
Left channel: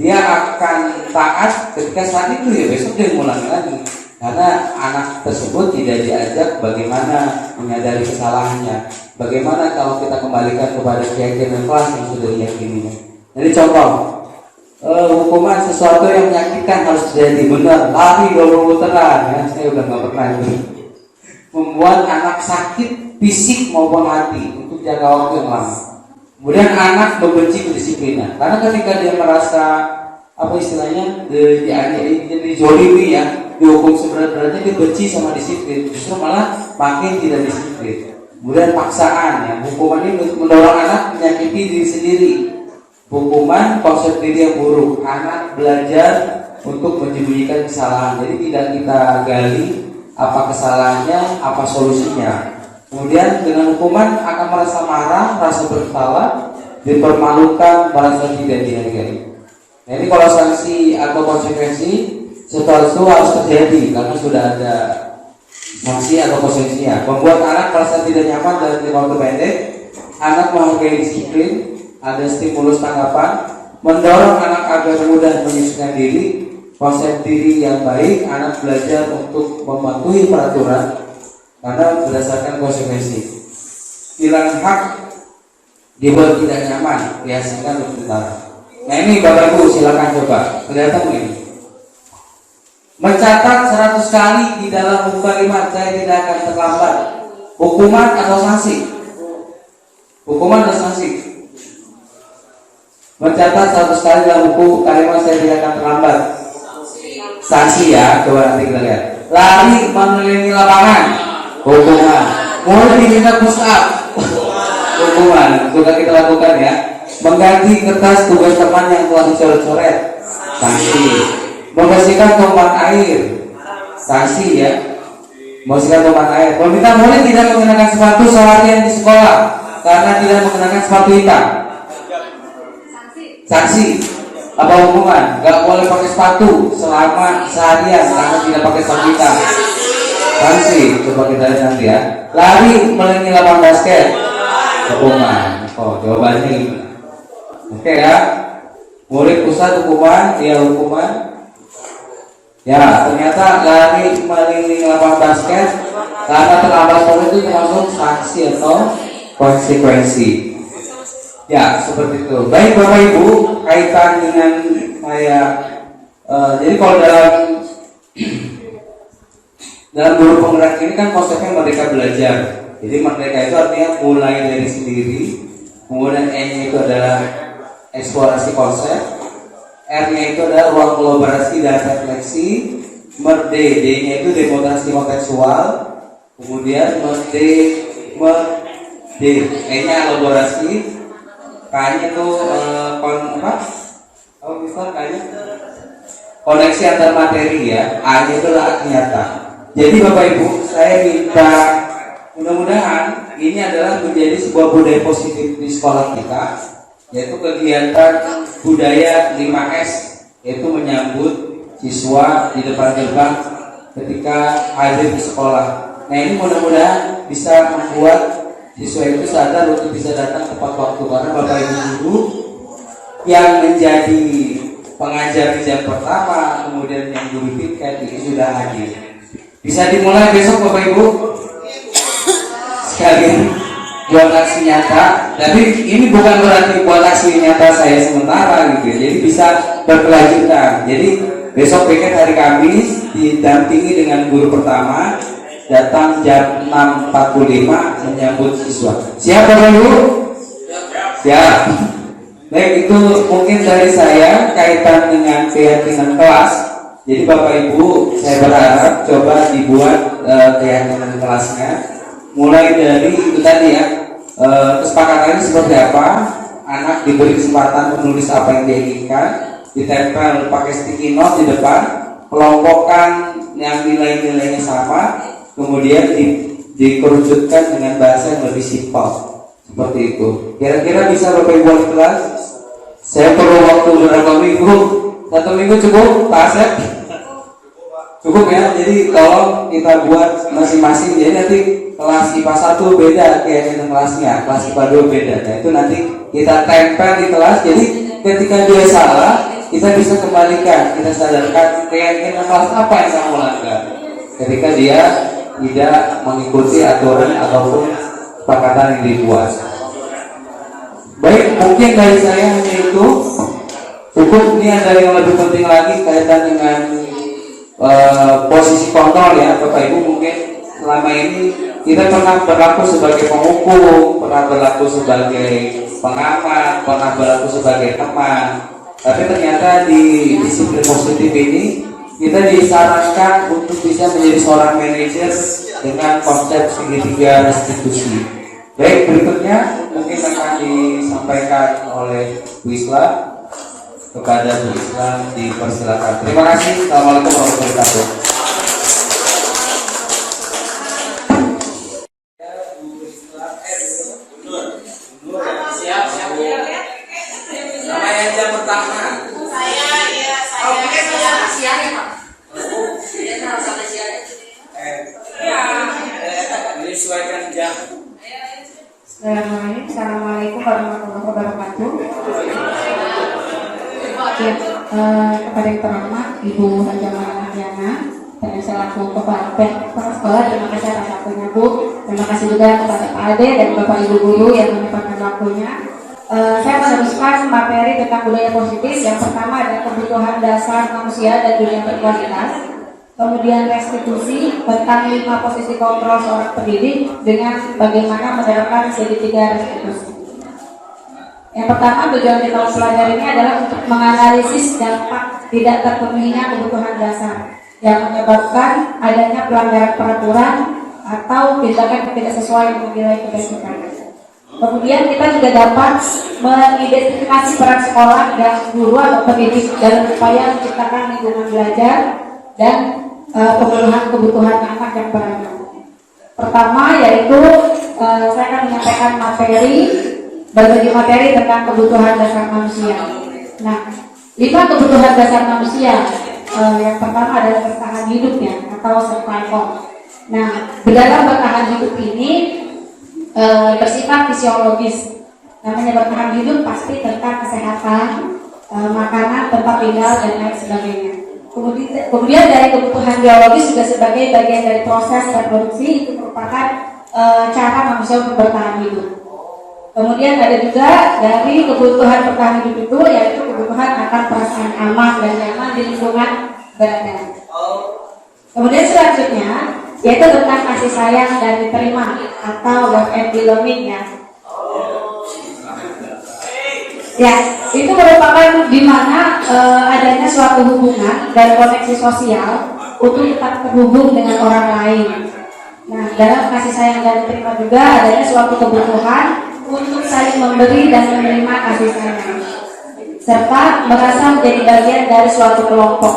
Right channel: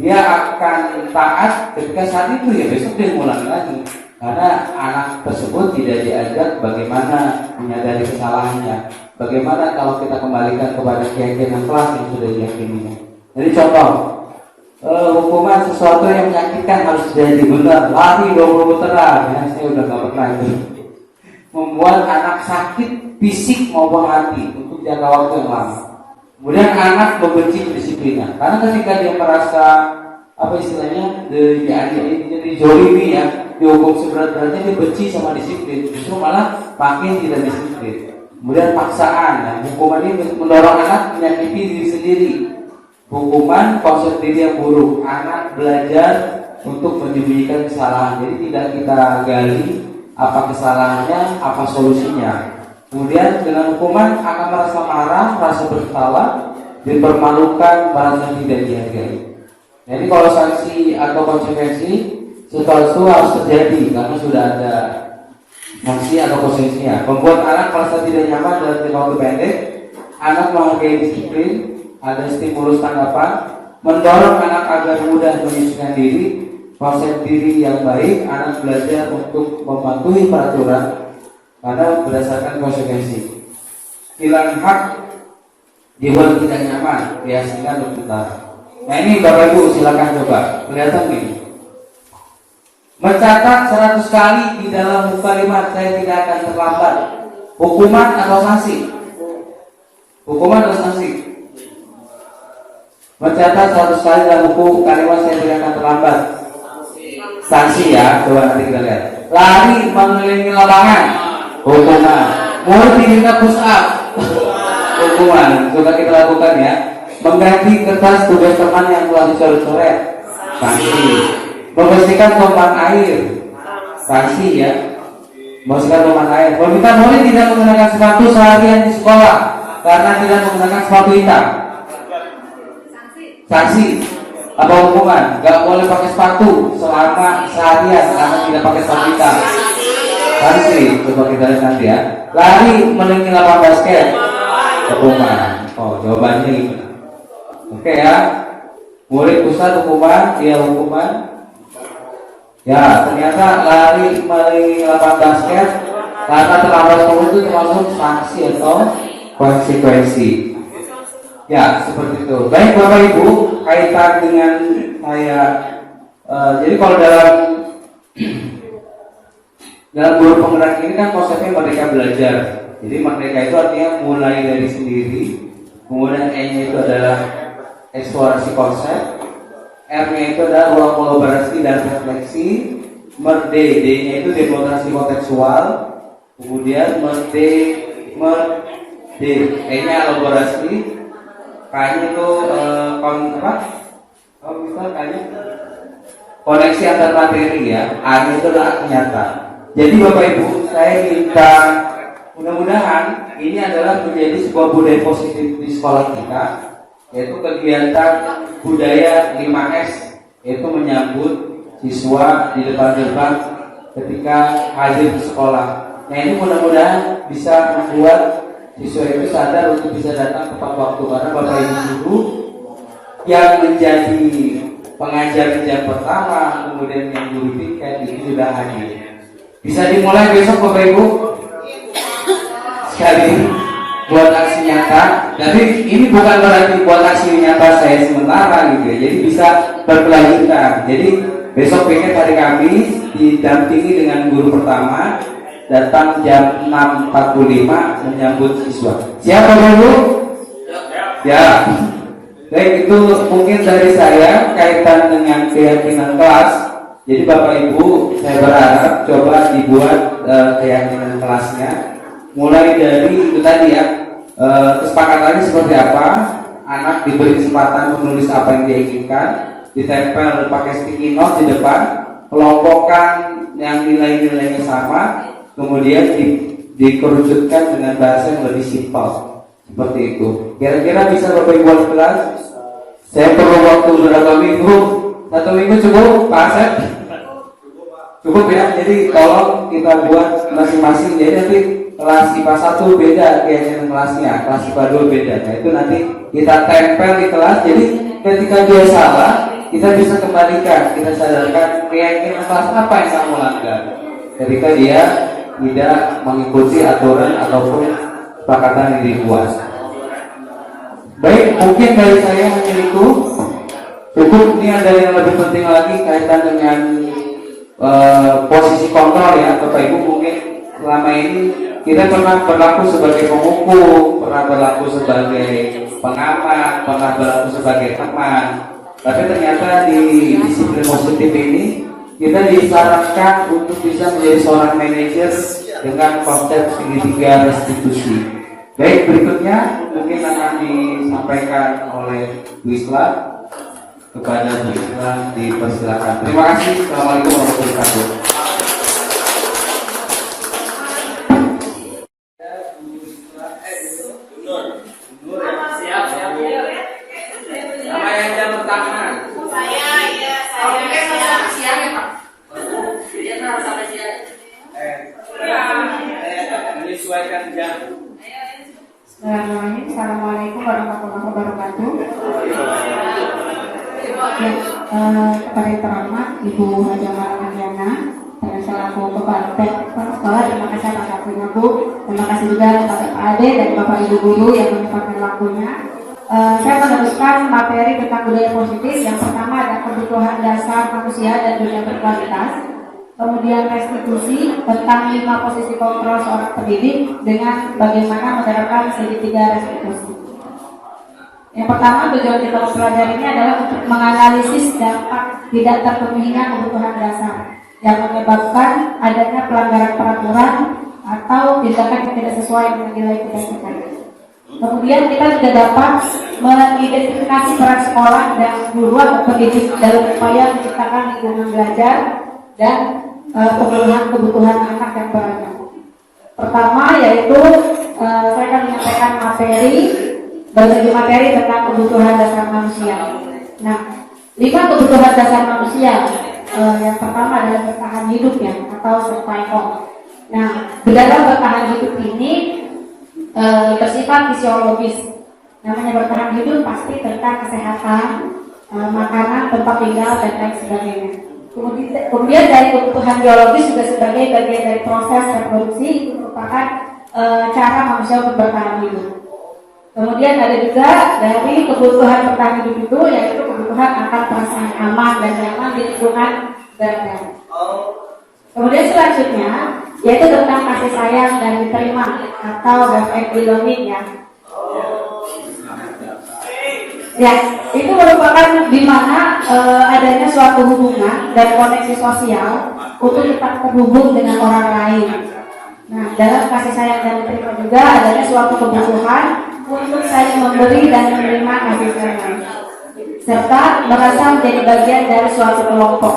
Dia akan taat ketika saat itu ya, besok dia ngulangi lagi karena anak tersebut tidak diajak bagaimana menyadari kesalahannya, bagaimana kalau kita kembalikan kepada keyakinan kelas yang sudah diyakini. Jadi contoh hukuman sesuatu yang menyakitkan harus terjadi, benar lari 20 putaran ya, saya udah nggak pernah itu membuat anak sakit fisik maupun hati untuk jangka waktu yang lama. Kemudian anak membenci kedisiplinan karena ketika dia merasa apa istilahnya jadi zolimi ya, dihukum seberat-beratnya, dia benci sama disiplin, justru malah makin tidak disiplin. Kemudian paksaan ya, hukuman ini mendorong anak menyakiti diri sendiri. Hukuman konsep diri yang buruk, anak belajar untuk menyembunyikan kesalahan, jadi tidak kita gali apa kesalahannya, apa solusinya. Kemudian dengan hukuman akan merasa marah, merasa bersalah, dipermalukan, merasa tidak dihargai. Jadi kalau sanksi atau konsekuensi setelah itu harus terjadi karena sudah ada sanksi atau konsekuensinya. Membuat anak merasa tidak nyaman dalam waktu pendek, anak menghargai disiplin, ada stimulus tanggapan, mendorong anak agar mudah menyesuaikan diri, konsep diri yang baik, anak belajar untuk mematuhi peraturan karena berdasarkan konsekuensi. Hilang hak dibuat tidak nyaman, biasakan untuk utara. Nah ini Bapak Ibu silakan coba kelihatan ini. Mencatat 100 kali di dalam buku kalimat saya tidak akan terlambat. Hukuman atau sanksi? Hukuman atau sanksi? Mencatat 100 kali dalam buku kalimat saya tidak akan terlambat. Sanksi ya, coba nanti kita lihat. Lari mengelilingi lapangan. Hukuman. Mulai diminta push up. Hukuman. Sudah kita lakukan ya. Mengganti kertas tugas teman yang telah dicoret-coret. Sanksi. Membersihkan tumpahan air. Sanksi ya. Membersihkan tumpahan air. Permintaan boleh tidak menggunakan sepatu seharian di sekolah karena tidak menggunakan sepatu hitam. Sanksi. Apa hukuman? Gak boleh pakai sepatu selama seharian karena tidak pakai sepatu hitam. Sanksi. Coba kita lihat nanti ya. Lari mengelilingi lapangan basket. Hukuman. Oh, jawabannya. Oke ya. Murid pusat hukuman, dia hukuman. Ya, ternyata lari mengelilingi lapangan basket karena terlambat sekolah itu termasuk sanksi atau konsekuensi. Ya, seperti itu. Baik Bapak Ibu, kaitan dengan kayak jadi kalau dalam guru penggerak ini kan konsepnya merdeka belajar. Jadi merdeka itu artinya mulai dari sendiri, kemudian E-nya itu adalah eksplorasi konsep, R-nya itu adalah ruang kolaborasi dan refleksi, D-nya itu demonstrasi kontekstual, kemudian E-nya elaborasi, K-nya itu koneksi antar materi ya, A-nya itu adalah nyata. Jadi Bapak Ibu, saya minta mudah-mudahan ini adalah menjadi sebuah budaya positif di sekolah kita, yaitu kegiatan budaya 5S, yaitu menyambut siswa di depan-depan ketika hadir di sekolah. Nah ini mudah-mudahan bisa membuat siswa itu sadar untuk bisa datang tepat waktu, karena Bapak Ibu guru yang menjadi pengajar di jam pertama, kemudian yang guru tiket ini sudah hadir. Bisa dimulai besok Bapak Ibu. Sekali buat aksi nyata, tapi ini bukan berarti buat aksi nyata saya sementara gitu ya. Jadi bisa berkelanjutan. Jadi besok piket hari Kamis didampingi dengan guru pertama, datang jam 6.45 menyambut siswa. Siap Bapak Ibu? Siap. Baik, itu mungkin dari saya kaitan dengan keyakinan kelas. Jadi Bapak Ibu, saya berharap coba dibuat keyakinan kelasnya. Mulai dari itu tadi ya, kesepakatannya seperti apa. Anak diberi kesempatan menulis apa yang dia inginkan, ditempel pakai sticky note di depan, kelompokkan yang nilai-nilainya sama, kemudian dikerucutkan dengan bahasa yang lebih simpel. Seperti itu. Kira-kira bisa Bapak Ibu buat kelas? Saya perlu waktu berapa minggu? 1 minggu cukup, Pak Asep? Cukup ya. Jadi tolong kita buat masing-masing. Jadi nanti kelas IPA 1 beda keyakinan kelasnya, kelas IPA 2 beda. Nah itu nanti kita tempel di kelas. Jadi ketika dia salah, kita bisa kembalikan, kita sadarkan keyakinan kelas apa yang kamu langgar. Ketika dia tidak mengikuti aturan ataupun kesepakatan yang dibuat. Baik, mungkin dari saya hanya itu. Cukup. Ini ada yang lebih penting lagi kaitan dengan posisi kontrol ya Bapak Ibu. Mungkin selama ini kita pernah berlaku sebagai penghukum, pernah berlaku sebagai pengamat, pernah berlaku sebagai teman. Tapi ternyata di disiplin positif ini kita disarankan untuk bisa menjadi seorang manajer dengan konsep segitiga restitusi. Baik, berikutnya mungkin akan disampaikan oleh Bu Islam. Kepada Bu Islam dipersilakan. Terima kasih. Assalamualaikum warahmatullahi wabarakatuh. Siap. Sama yang jam pertama. Saya. Siang ya Pak. Dia harus sampai siang. Menyesuaikan jam. Assalamualaikum warahmatullahi wabarakatuh. Kepada yang terhormat Ibu Hajah Mariana dan selaku kepala sekolah, terima kasih atas waktunya Bu. Terima kasih juga kepada Pak Ade dan Bapak Ibu guru yang menyempatkan waktunya. Saya meneruskan materi tentang budaya positif. Yang pertama adalah kebutuhan dasar manusia dan dunia berkualitas. Kemudian restitusi tentang 5 posisi kontrol seorang pendidik dengan bagaimana menerapkan segitiga restitusi. Yang pertama, tujuan teknologi pelajaran ini adalah untuk menganalisis dampak tidak terpenuhinya kebutuhan dasar yang menyebabkan adanya pelanggaran peraturan atau tindakan yang tidak sesuai dengan nilai kebajikan. Kemudian kita juga dapat mengidentifikasi peran sekolah dan guru atau pendidik dalam upaya menciptakan lingkungan belajar dan pemenuhan kebutuhan anak yang beragam. Pertama yaitu saya akan menyampaikan berbagi materi tentang kebutuhan dasar manusia. Nah, 5 kebutuhan dasar manusia. Yang pertama adalah bertahan hidup ya, atau survival. Nah, dalam bertahan hidup ini bersifat fisiologis. Namanya bertahan hidup pasti tentang kesehatan, makanan, tempat tinggal dan lain sebagainya. Kemudian dari kebutuhan biologis juga sebagai bagian dari proses reproduksi, itu merupakan cara manusia untuk bertahan hidup. Kemudian ada juga dari kebutuhan bertahan hidup itu, yaitu kebutuhan akan perasaan aman dan nyaman di lingkungan berada. Kemudian selanjutnya yaitu tentang kasih sayang dan diterima atau love and belonging ya. Ya, itu merupakan di mana adanya suatu hubungan dan koneksi sosial untuk tetap terhubung dengan orang lain. Nah, dalam kasih sayang dan diterima juga adanya suatu kebutuhan untuk saling memberi dan menerima kasih sayang, serta merasa menjadi bagian dari suatu kelompok,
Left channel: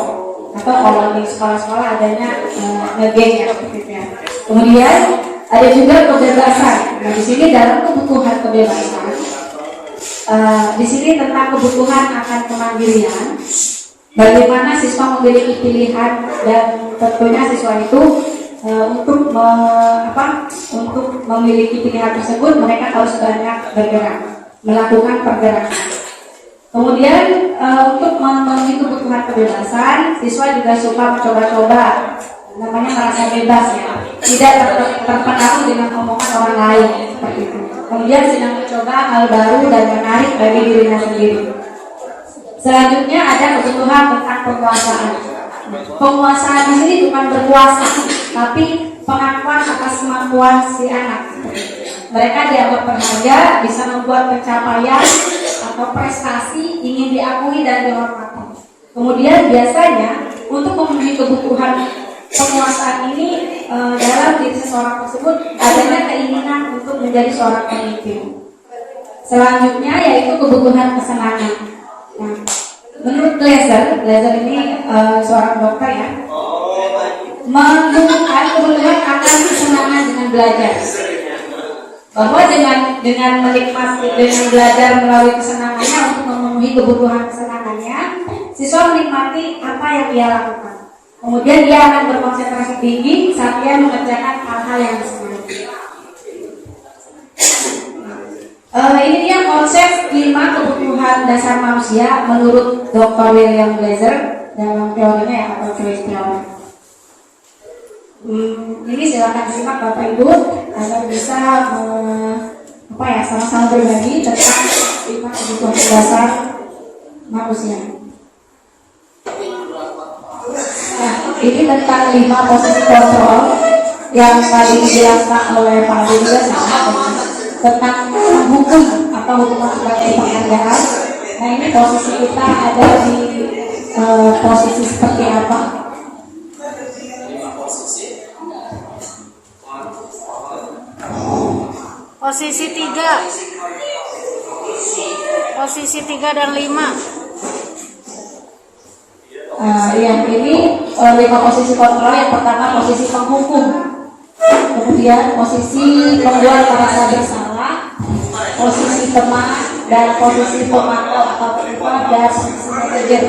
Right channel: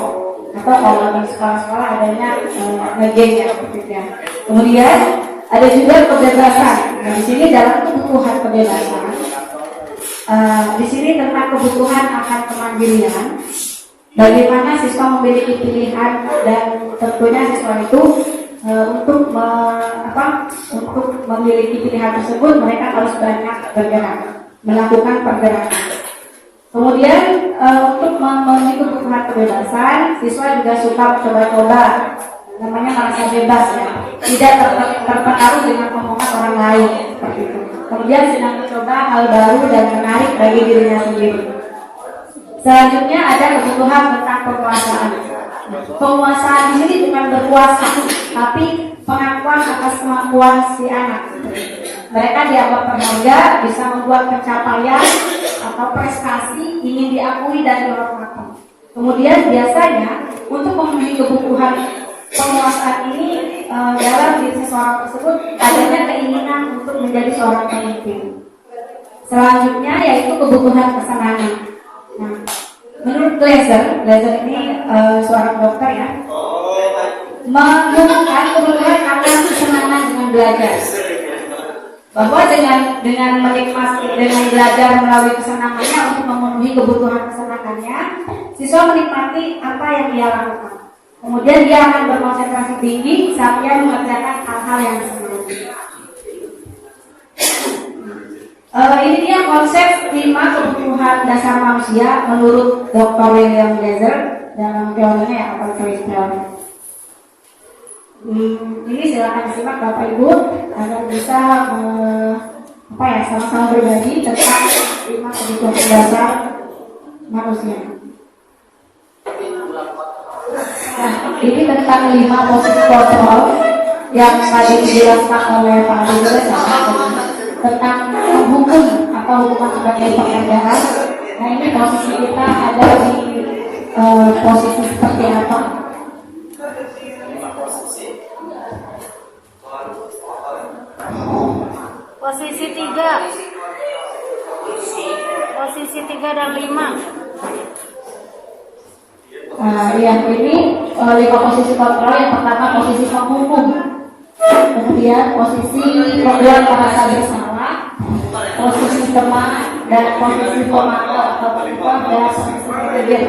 atau kalau di sekolah-sekolah adanya ngegeng ya, gitu ya. Kemudian ada juga kebebasan. Nah, di sini dalam kebutuhan kebebasan, di sini tentang kebutuhan akan kemandirian, bagaimana siswa memiliki pilihan dan tentunya siswa itu untuk memiliki pilihan tersebut mereka harus banyak bergerak, melakukan pergerakan. Kemudian untuk memenuhi kebutuhan kebebasan, siswa juga suka mencoba-coba, namanya merasa bebas ya, tidak terpengaruh dengan omongan orang lain seperti itu. Kemudian sedang mencoba hal baru dan menarik bagi dirinya sendiri. Selanjutnya ada kebutuhan tentang penguasaan. Penguasaan di sini bukan berkuasa, tapi pengakuan atas kemampuan si anak. Mereka dianggap berharga, bisa membuat pencapaian atau prestasi, ingin diakui dan dihormati. Kemudian biasanya untuk memenuhi kebutuhan penguasaan ini dalam diri seseorang tersebut adanya keinginan untuk menjadi seorang pemimpin. Selanjutnya yaitu kebutuhan kesenangan. Nah, menurut Glaser ini seorang dokter ya, menemukan kebutuhan akan kesenangan dengan belajar, bahwa dengan menikmati, dengan belajar melalui kesenangannya untuk memenuhi kebutuhan kesenangannya, siswa menikmati apa yang ia lakukan. Kemudian dia akan berkonsentrasi tinggi saat dia mengerjakan hal-hal yang disenangi. Ini dia konsep 5 kebutuhan dasar manusia menurut Dr. William Glaser dalam teorinya ya, atau teori. Ini silakan disimak Bapak Ibu agar bisa sama-sama berbagi tentang 5 kebutuhan dasar manusia. Nah, ini tentang 5 posisi kontrol yang tadi dijelaskan oleh Pak Dubes tentang hukum atau hubungan sebagai pekerjaan. Nah, ini posisi kita ada di posisi seperti apa? Posisi 3. Posisi 3 dan 5. Nah, yang ini 5 posisi kontrol. Yang pertama posisi penghukum, kemudian posisi pembuat merasa bersalah, posisi teman, dan posisi pemantau atau penyebab, dan posisi manajer.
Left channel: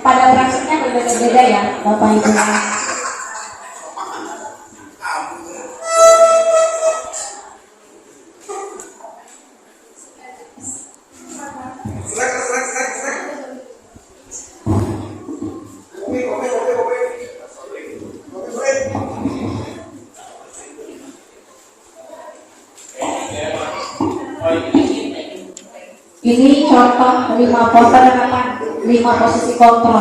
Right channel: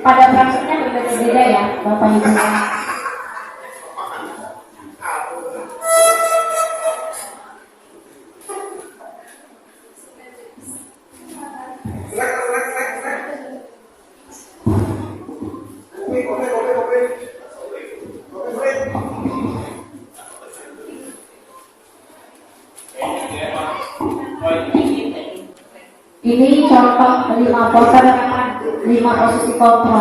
Pada prinsipnya berbeda-beda ya Bapak Ibu. Ini contoh 5 posisi kontrol.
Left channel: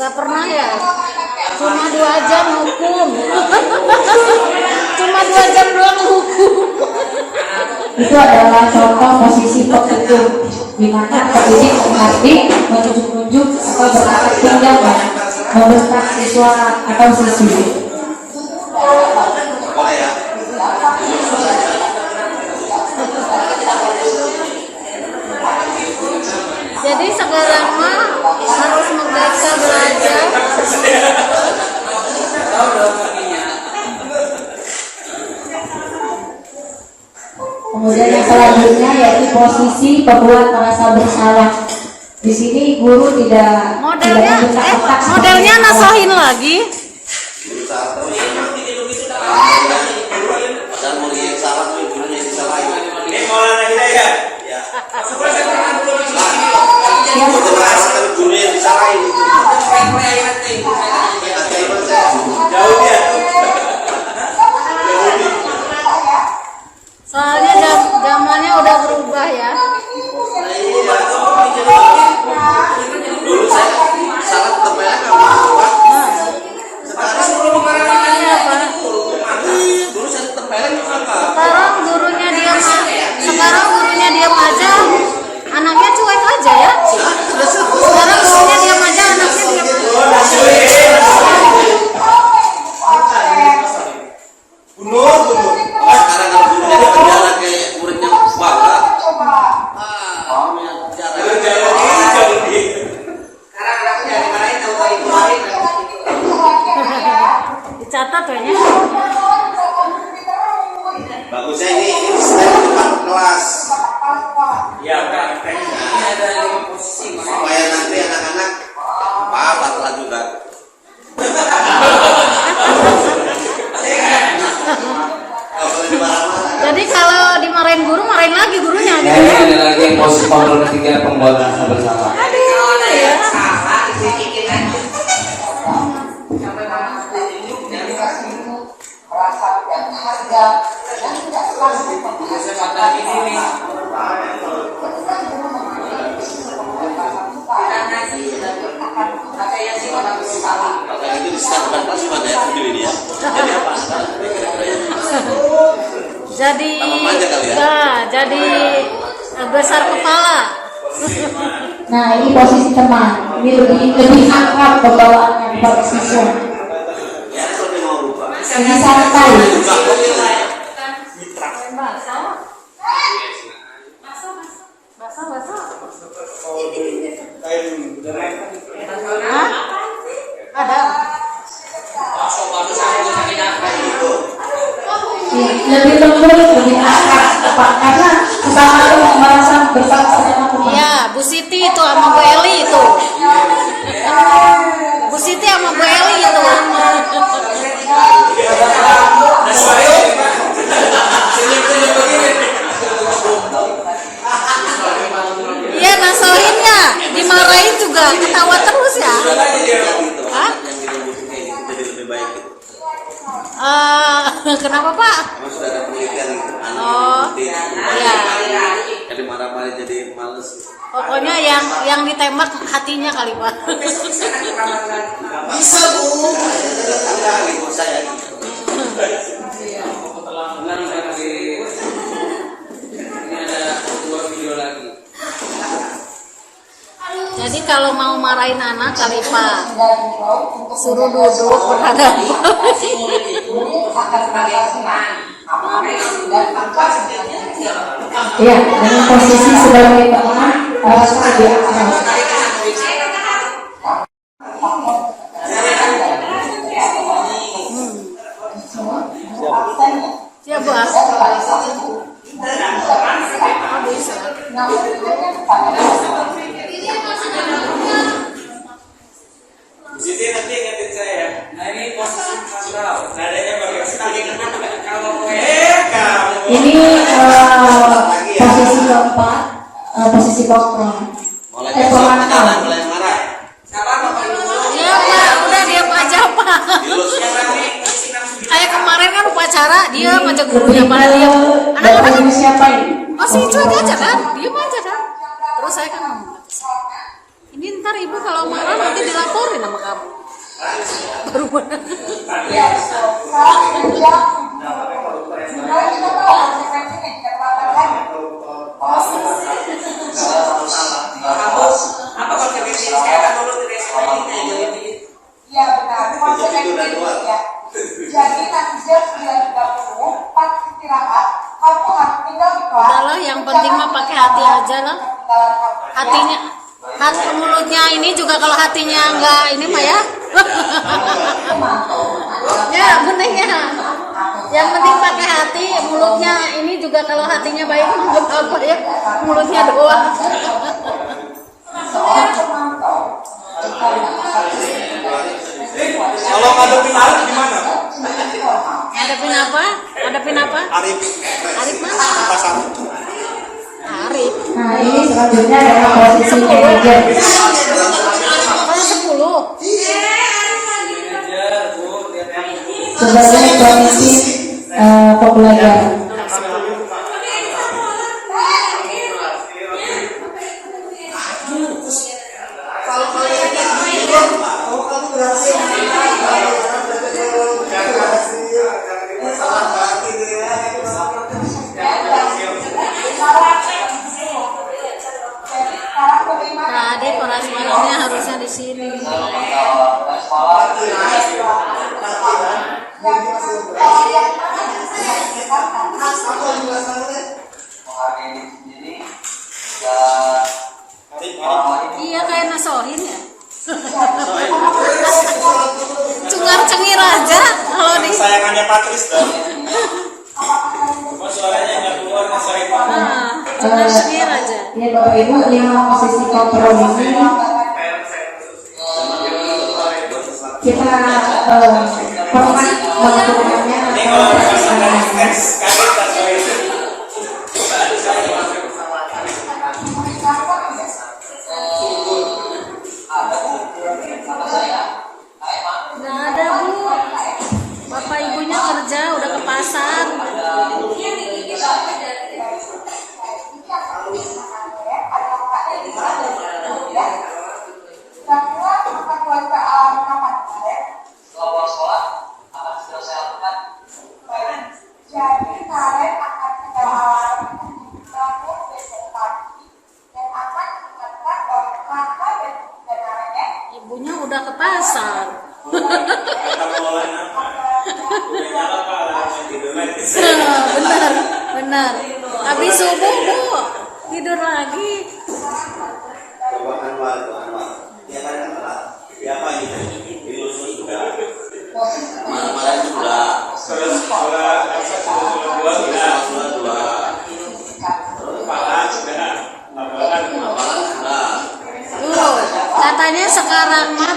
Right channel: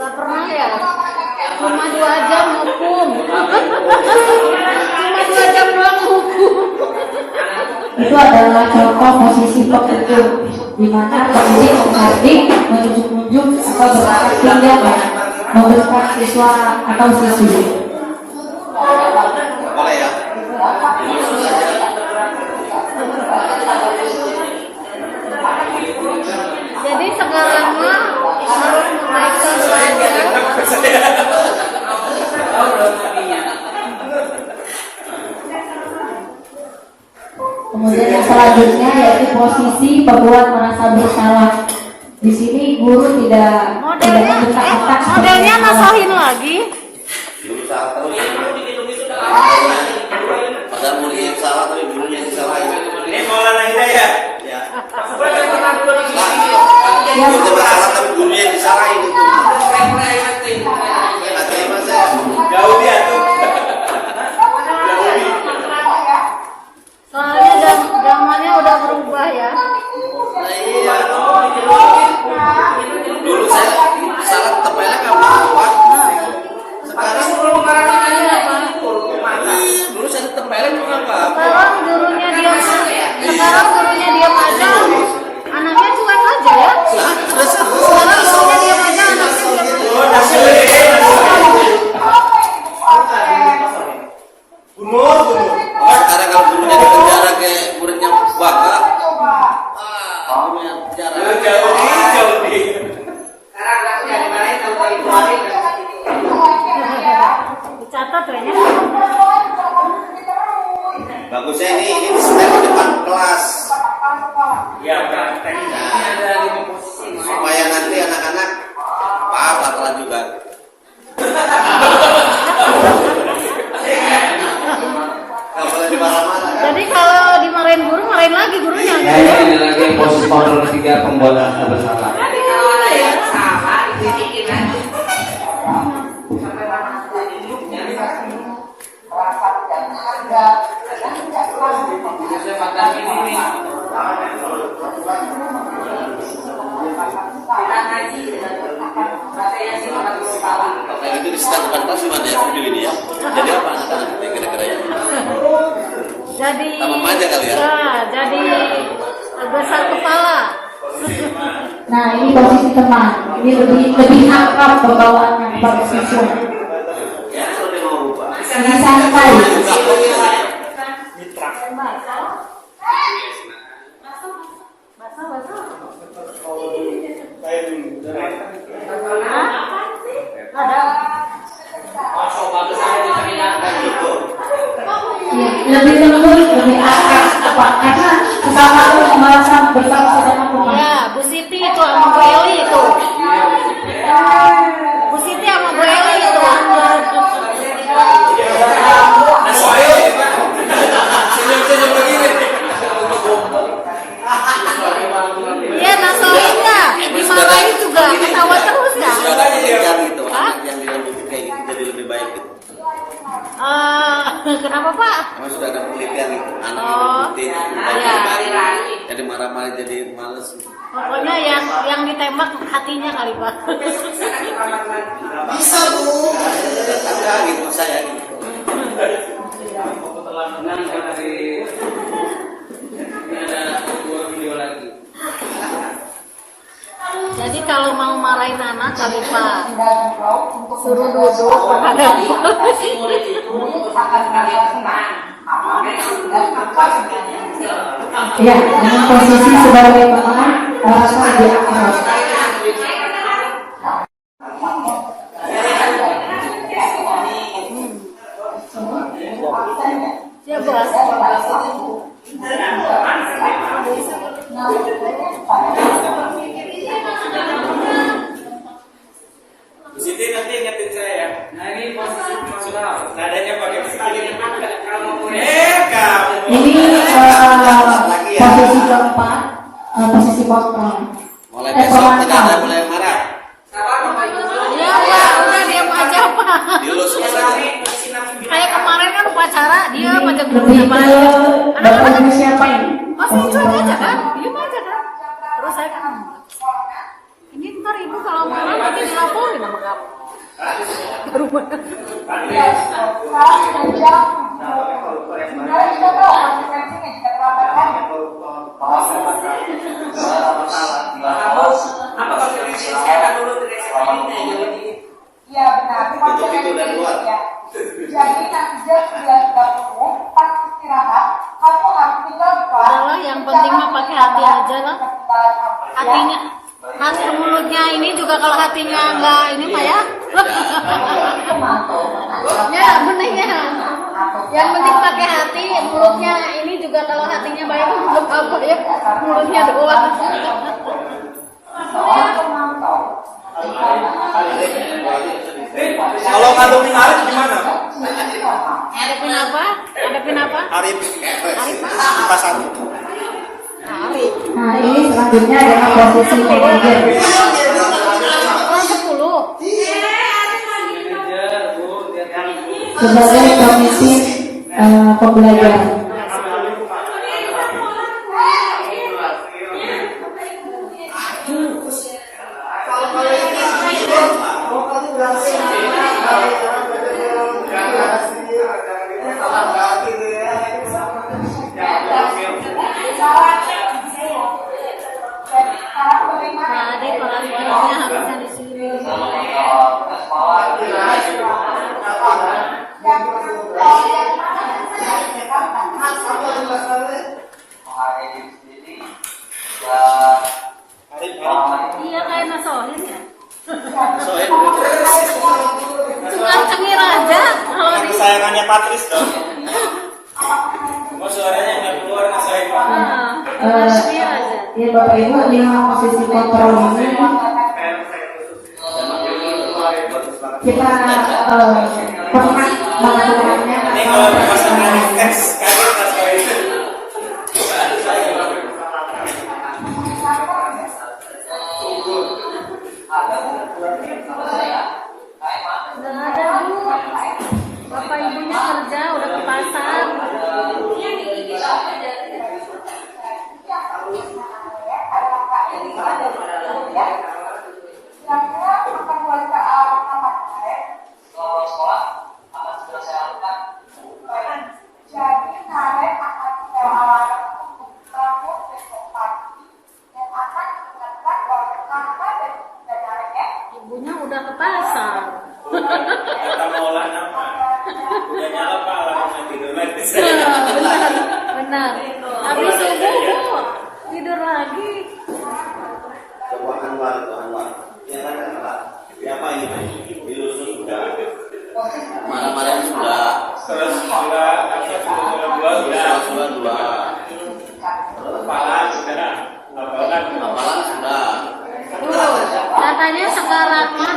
Gak pernah ya? Cuma 2 jam hukum. Cuma 2 jam doang hukum. Itu adalah contoh posisi pekerja di mana pendidik mengadik, menunjuk-nunjuk atau berlaku tindak ya. membentak siswa atau siswi. Jadi sekarang mah harus membaca belajar. Kemudian yang selanjutnya yaitu posisi pembuat merasa bersalah. Di sini guru tidak membentak. Modelnya nasahin lagi. Soalnya zamannya udah berubah ya. Dulu saya sangat tempeleng sama apa? Dulu saya tempeleng sama apa? Sekarang gurunya diam aja. Anaknya cuek aja ya. Sekarang gurunya diam aja, anaknya diam aja. Sekarang kalau gurunya di penjara kayak muridnya bangga. Dicatat kayaknya. Bagusnya ini stand di depan kelas. Ya, Kak. Ini ada 5 posisi. Supaya nanti anak-anak telat juga. Jadi kalau dimarahin guru, marahin lagi gurunya. Ya, ini ada lagi posisi kontrol ketiga pembuat merasa bersalah. Jadi kalau ada yang salah dikritikin aja. Sampai mana dari Saya patah gini nih. kita ngaji baca Yasin 40 kali. Kalau itu di stand depan kelas gimana ya? Video ini ya. Jadi apa? Kira-kira ya. Jadi Tambah manja kali ya? jadi besar kepala. Nah, ini posisi teman. Ini lebih akrab pembawaannya pada siswa. Ya, kalau dia mau lupa. Ini santai. Lebih lembut, lebih akrab, apa? Karena sama merasa bersama-sama. Ya, Bu Siti itu sama Bu Eli itu. Bu Siti sama Bu Eli itu. Iya, nasolinnya dimarahin juga, ketawa terus ya. Gitu, anak yang bilang gitu kayak gitu jadi lebih baik gitu. Kenapa Pak? Kami sudah ada penelitian gitu, anak yang jadi marah-marah jadi males gitu. Pokoknya yang ditembak hatinya kali Pak. Bisa bu, enggak gitu saya gitu. Ini ada 2 video lagi. Jadi kalau mau marahin anak kali Pak, suruh duduk menghadap. Murid itu akan sebagai teman. Ya, dengan posisi sebagai teman, merasa dia akrab. Siap Bos. Bu Siti nanti ingetin saya ya. Nah ini posisi Mas Ral. Nadanya pakai kalau kamu. Ini posisi keempat, posisi kontrol. Mulai besok jangan mulai marah. Iya Pak, udah diam aja Pak. Dilus Kayak kemarin kan upacara, dia ngajak gurunya Lebih mana dia. ke Anak-anak dari siapa ini? masih cuek aja kan, diam aja kan. Terus saya kan, ini ntar ibu kalau marah nanti dilaporin sama kamu. Baru Apa kalau saya akan lulus di resiko ini jawab ini. ini juga kalau hatinya enggak ini Pak ya. Ya bener ya. Yang penting pakai hati, mulutnya ini juga kalau hatinya baik nggak apa ya, mulutnya doang. Kalau ngadepin Arif gimana? Adapin apa? Adapin apa? Arif. Arif. Pasar. Arif. Nah, ini selanjutnya yang posisi manajer. Oh 10. Sebagai komisi pembelajaran. Tadi kelas mainnya harusnya di sini. Iya kayak nasohin ya. Cengar-cengir aja kalau di Kesayangannya Patris dong. Mau suaranya nggak keluar nasohin Pak. cengar-cengir aja. Ya Bapak Ibu, 5 posisi kontrol ini kita pernah melakukannya Ini kalau masalah tes kalian nasohin. Nggak ada Bu. Bapak ibunya kerja udah ke pasar. Ibunya udah ke pasar. Kata Molan apa? Udah nyala Pak, langsung tidur lagi. Benar, benar. Habis subuh Bu, tidur lagi. Coba Anwar. Ya kan kenapa? Ya apa ini? Dilusuk juga. Marah-marah juga. Terus sudah dua sudah. Kepala sudah. Lapangan Sudah. Tuh, katanya sekarangnya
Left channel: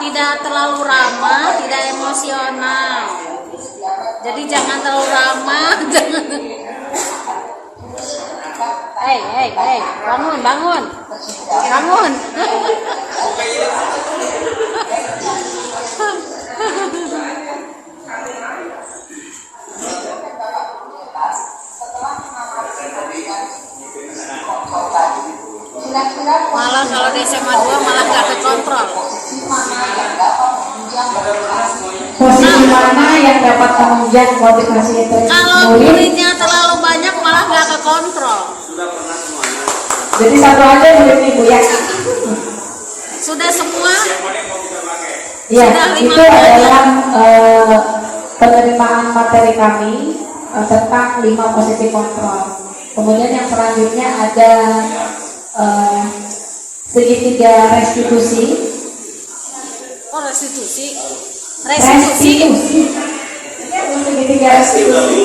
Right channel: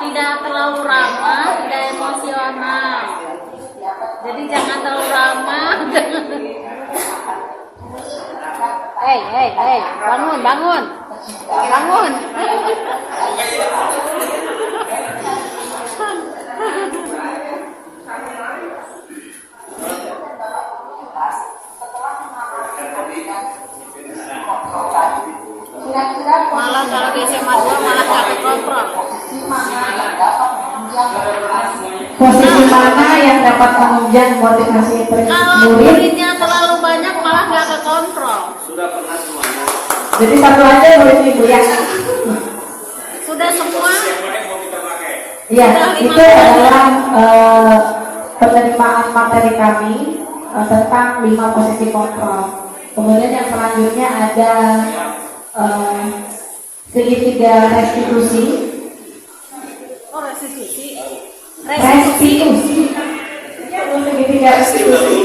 tidak terlalu ramah, tidak emosional. Jadi jangan terlalu ramah, jangan. Hey, bangun. Malah kalau di SMA 2 malah nggak kekontrol. posisi mana yang dapat menunjang motivasi Kalau murid. muridnya terlalu banyak malah nggak kekontrol. Sudah pernah semuanya. Jadi satu aja murid Ibu ya. Sudah semua. Ya, Sudah 5 itu adalah penerimaan materi kami tentang 5 posisi kontrol. Kemudian yang selanjutnya ada segitiga restitusi. Oh restitusi. Segitiga restitusi.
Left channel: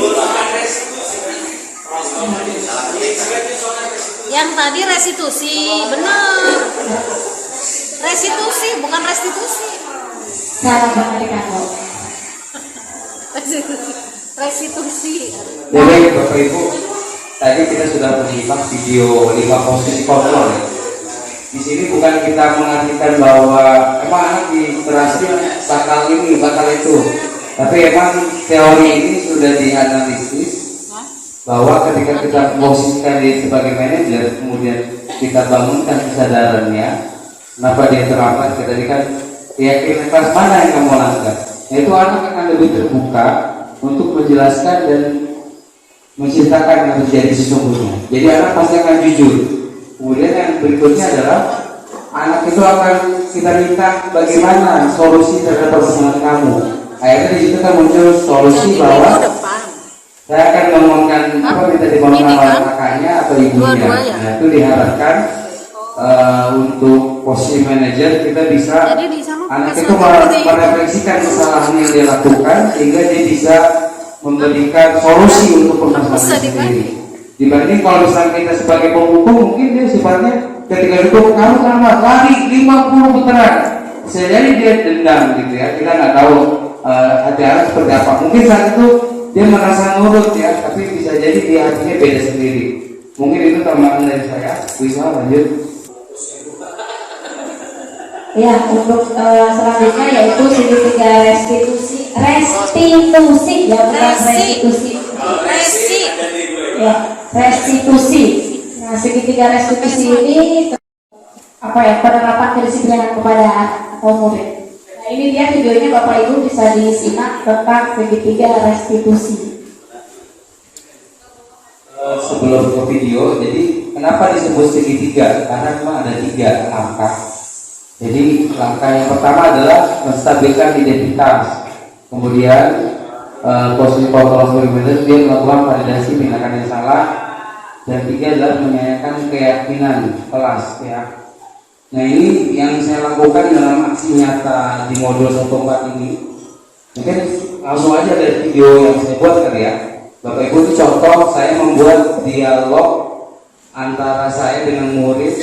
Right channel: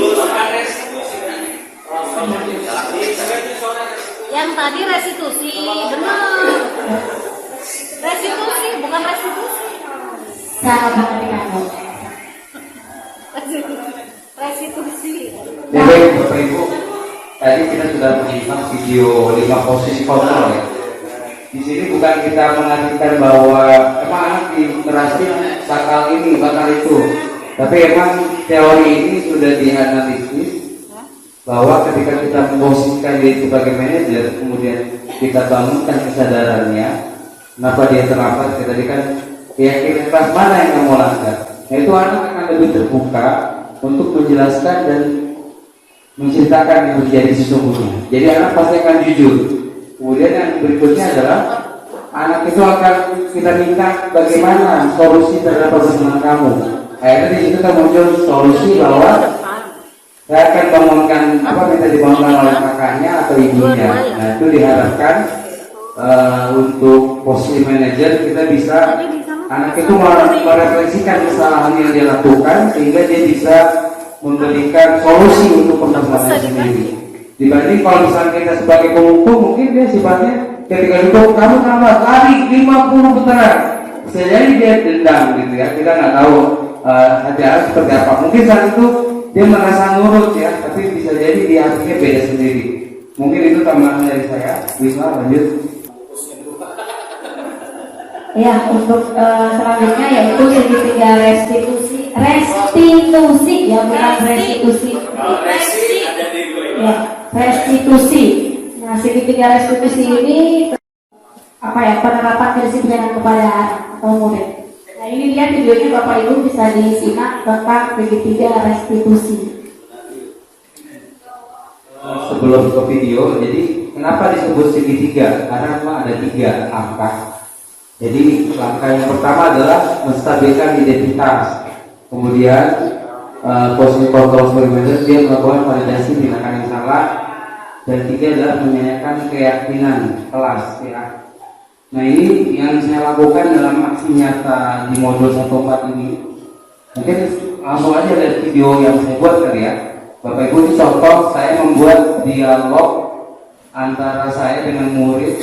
Yang tadi restitusi, benar. Restitusi bukan restitusi. Salah materi kamu. Restitusi. Jadi Bapak Ibu, tadi kita sudah menyimak video 5 posisi kontrol ya. Di sini bukan kita mengartikan bahwa emang anak di berhasil bakal ini, bakal itu. Tapi emang teori ini sudah dianalisis bahwa ketika kita memposisikan diri sebagai manajer, kemudian kita bangunkan kesadarannya, kenapa dia terlambat, tadi kan keyakinan kelas mana yang kamu langgar, yaitu anak akan lebih terbuka untuk menjelaskan dan menceritakan yang terjadi sesungguhnya. Jadi anak pasti akan jujur. Kemudian yang berikutnya adalah anak itu akan kita minta bagaimana solusi terhadap permasalahan kamu. Akhirnya di situ kan muncul solusi bahwa saya akan bangunkan apa minta dibangunkan oleh kakaknya atau ibunya. Nah, itu diharapkan untuk posisi manajer kita bisa Jadi di sana anak itu merefleksikan kesalahan yang dia lakukan sehingga dia bisa memberikan solusi untuk permasalahan sendiri. Dibanding kalau misalnya kita sebagai pemukul mungkin dia sifatnya ketika duduk kamu tambah lari 50 putaran, bisa jadi dia dendam gitu ya. Kita nggak tahu ajaran seperti apa. Mungkin saat itu dia merasa nurut ya, tapi bisa jadi dia hatinya beda sendiri. Mungkin itu tambahan dari saya. Bisa lanjut. Ya, untuk selanjutnya yaitu segitiga restitusi ya, bukan restitusi. Ya, restitusi. Nah, segitiga restitusi ini apa ya, penerapan kedisiplinan kepada kaum murid. Nah, ini dia videonya Bapak Ibu bisa disimak tentang segitiga restitusi. Sebelum ke video, jadi kenapa disebut segitiga? Karena memang ada 3 angka. Jadi langkah yang pertama adalah menstabilkan identitas, kemudian posisi kontrol supervisor dia melakukan validasi tindakan yang salah, dan 3 adalah menyayangkan keyakinan kelas ya. Nah ini yang saya lakukan dalam aksi nyata di modul 14 ini. Mungkin langsung aja dari video yang saya buat tadi ya. Bapak Ibu, itu contoh saya membuat dialog antara saya dengan murid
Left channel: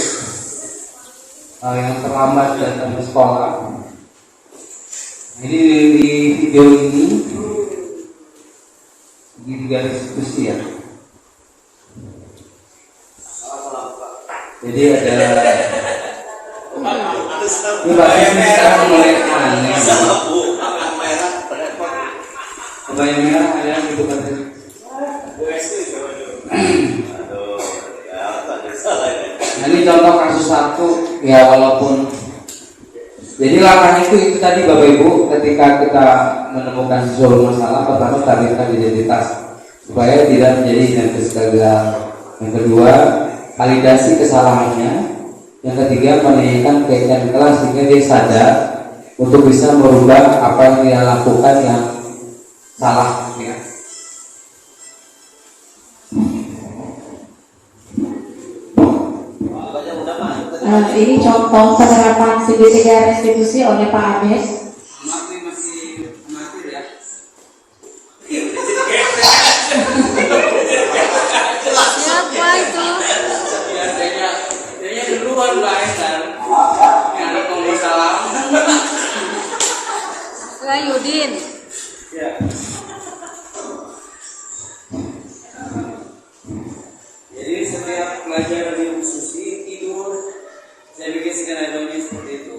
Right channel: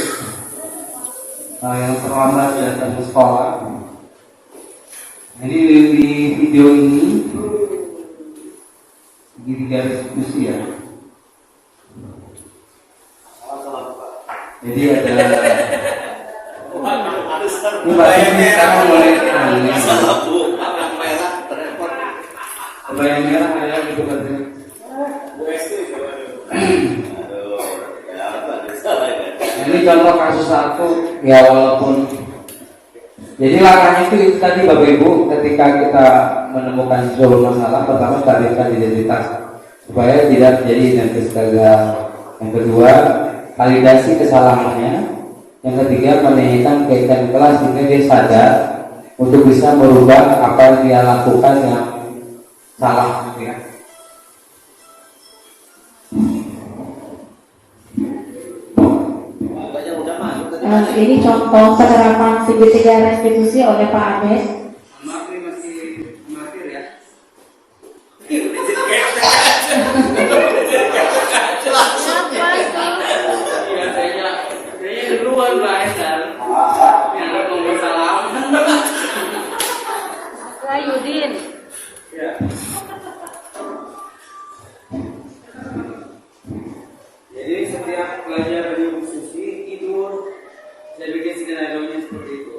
yang terlambat datang ke sekolah. Jadi di video ini segitiga diskusi ya. Jadi ada ini sama yang merah ada gitu berarti. Ini contoh kasus satu ya, walaupun jadi langkah itu tadi Bapak Ibu, ketika kita menemukan sesuatu masalah, pertama stabilkan identitas supaya tidak menjadi identitas gagal. Yang kedua, validasi kesalahannya. Yang ketiga, menaikkan keyakinan kelas sehingga dia sadar untuk bisa merubah apa yang dia lakukan yang salah ya. Nah, ini contoh penerapan segitiga restitusi oleh Pak Ades. Masih ya. Siapa itu? Kayaknya duluan Mbak Esther. Yang ada ngomong salam. Yudin. Ya. Jadi setiap pelajar di Susi tidur, saya bikin skenario-nya seperti itu.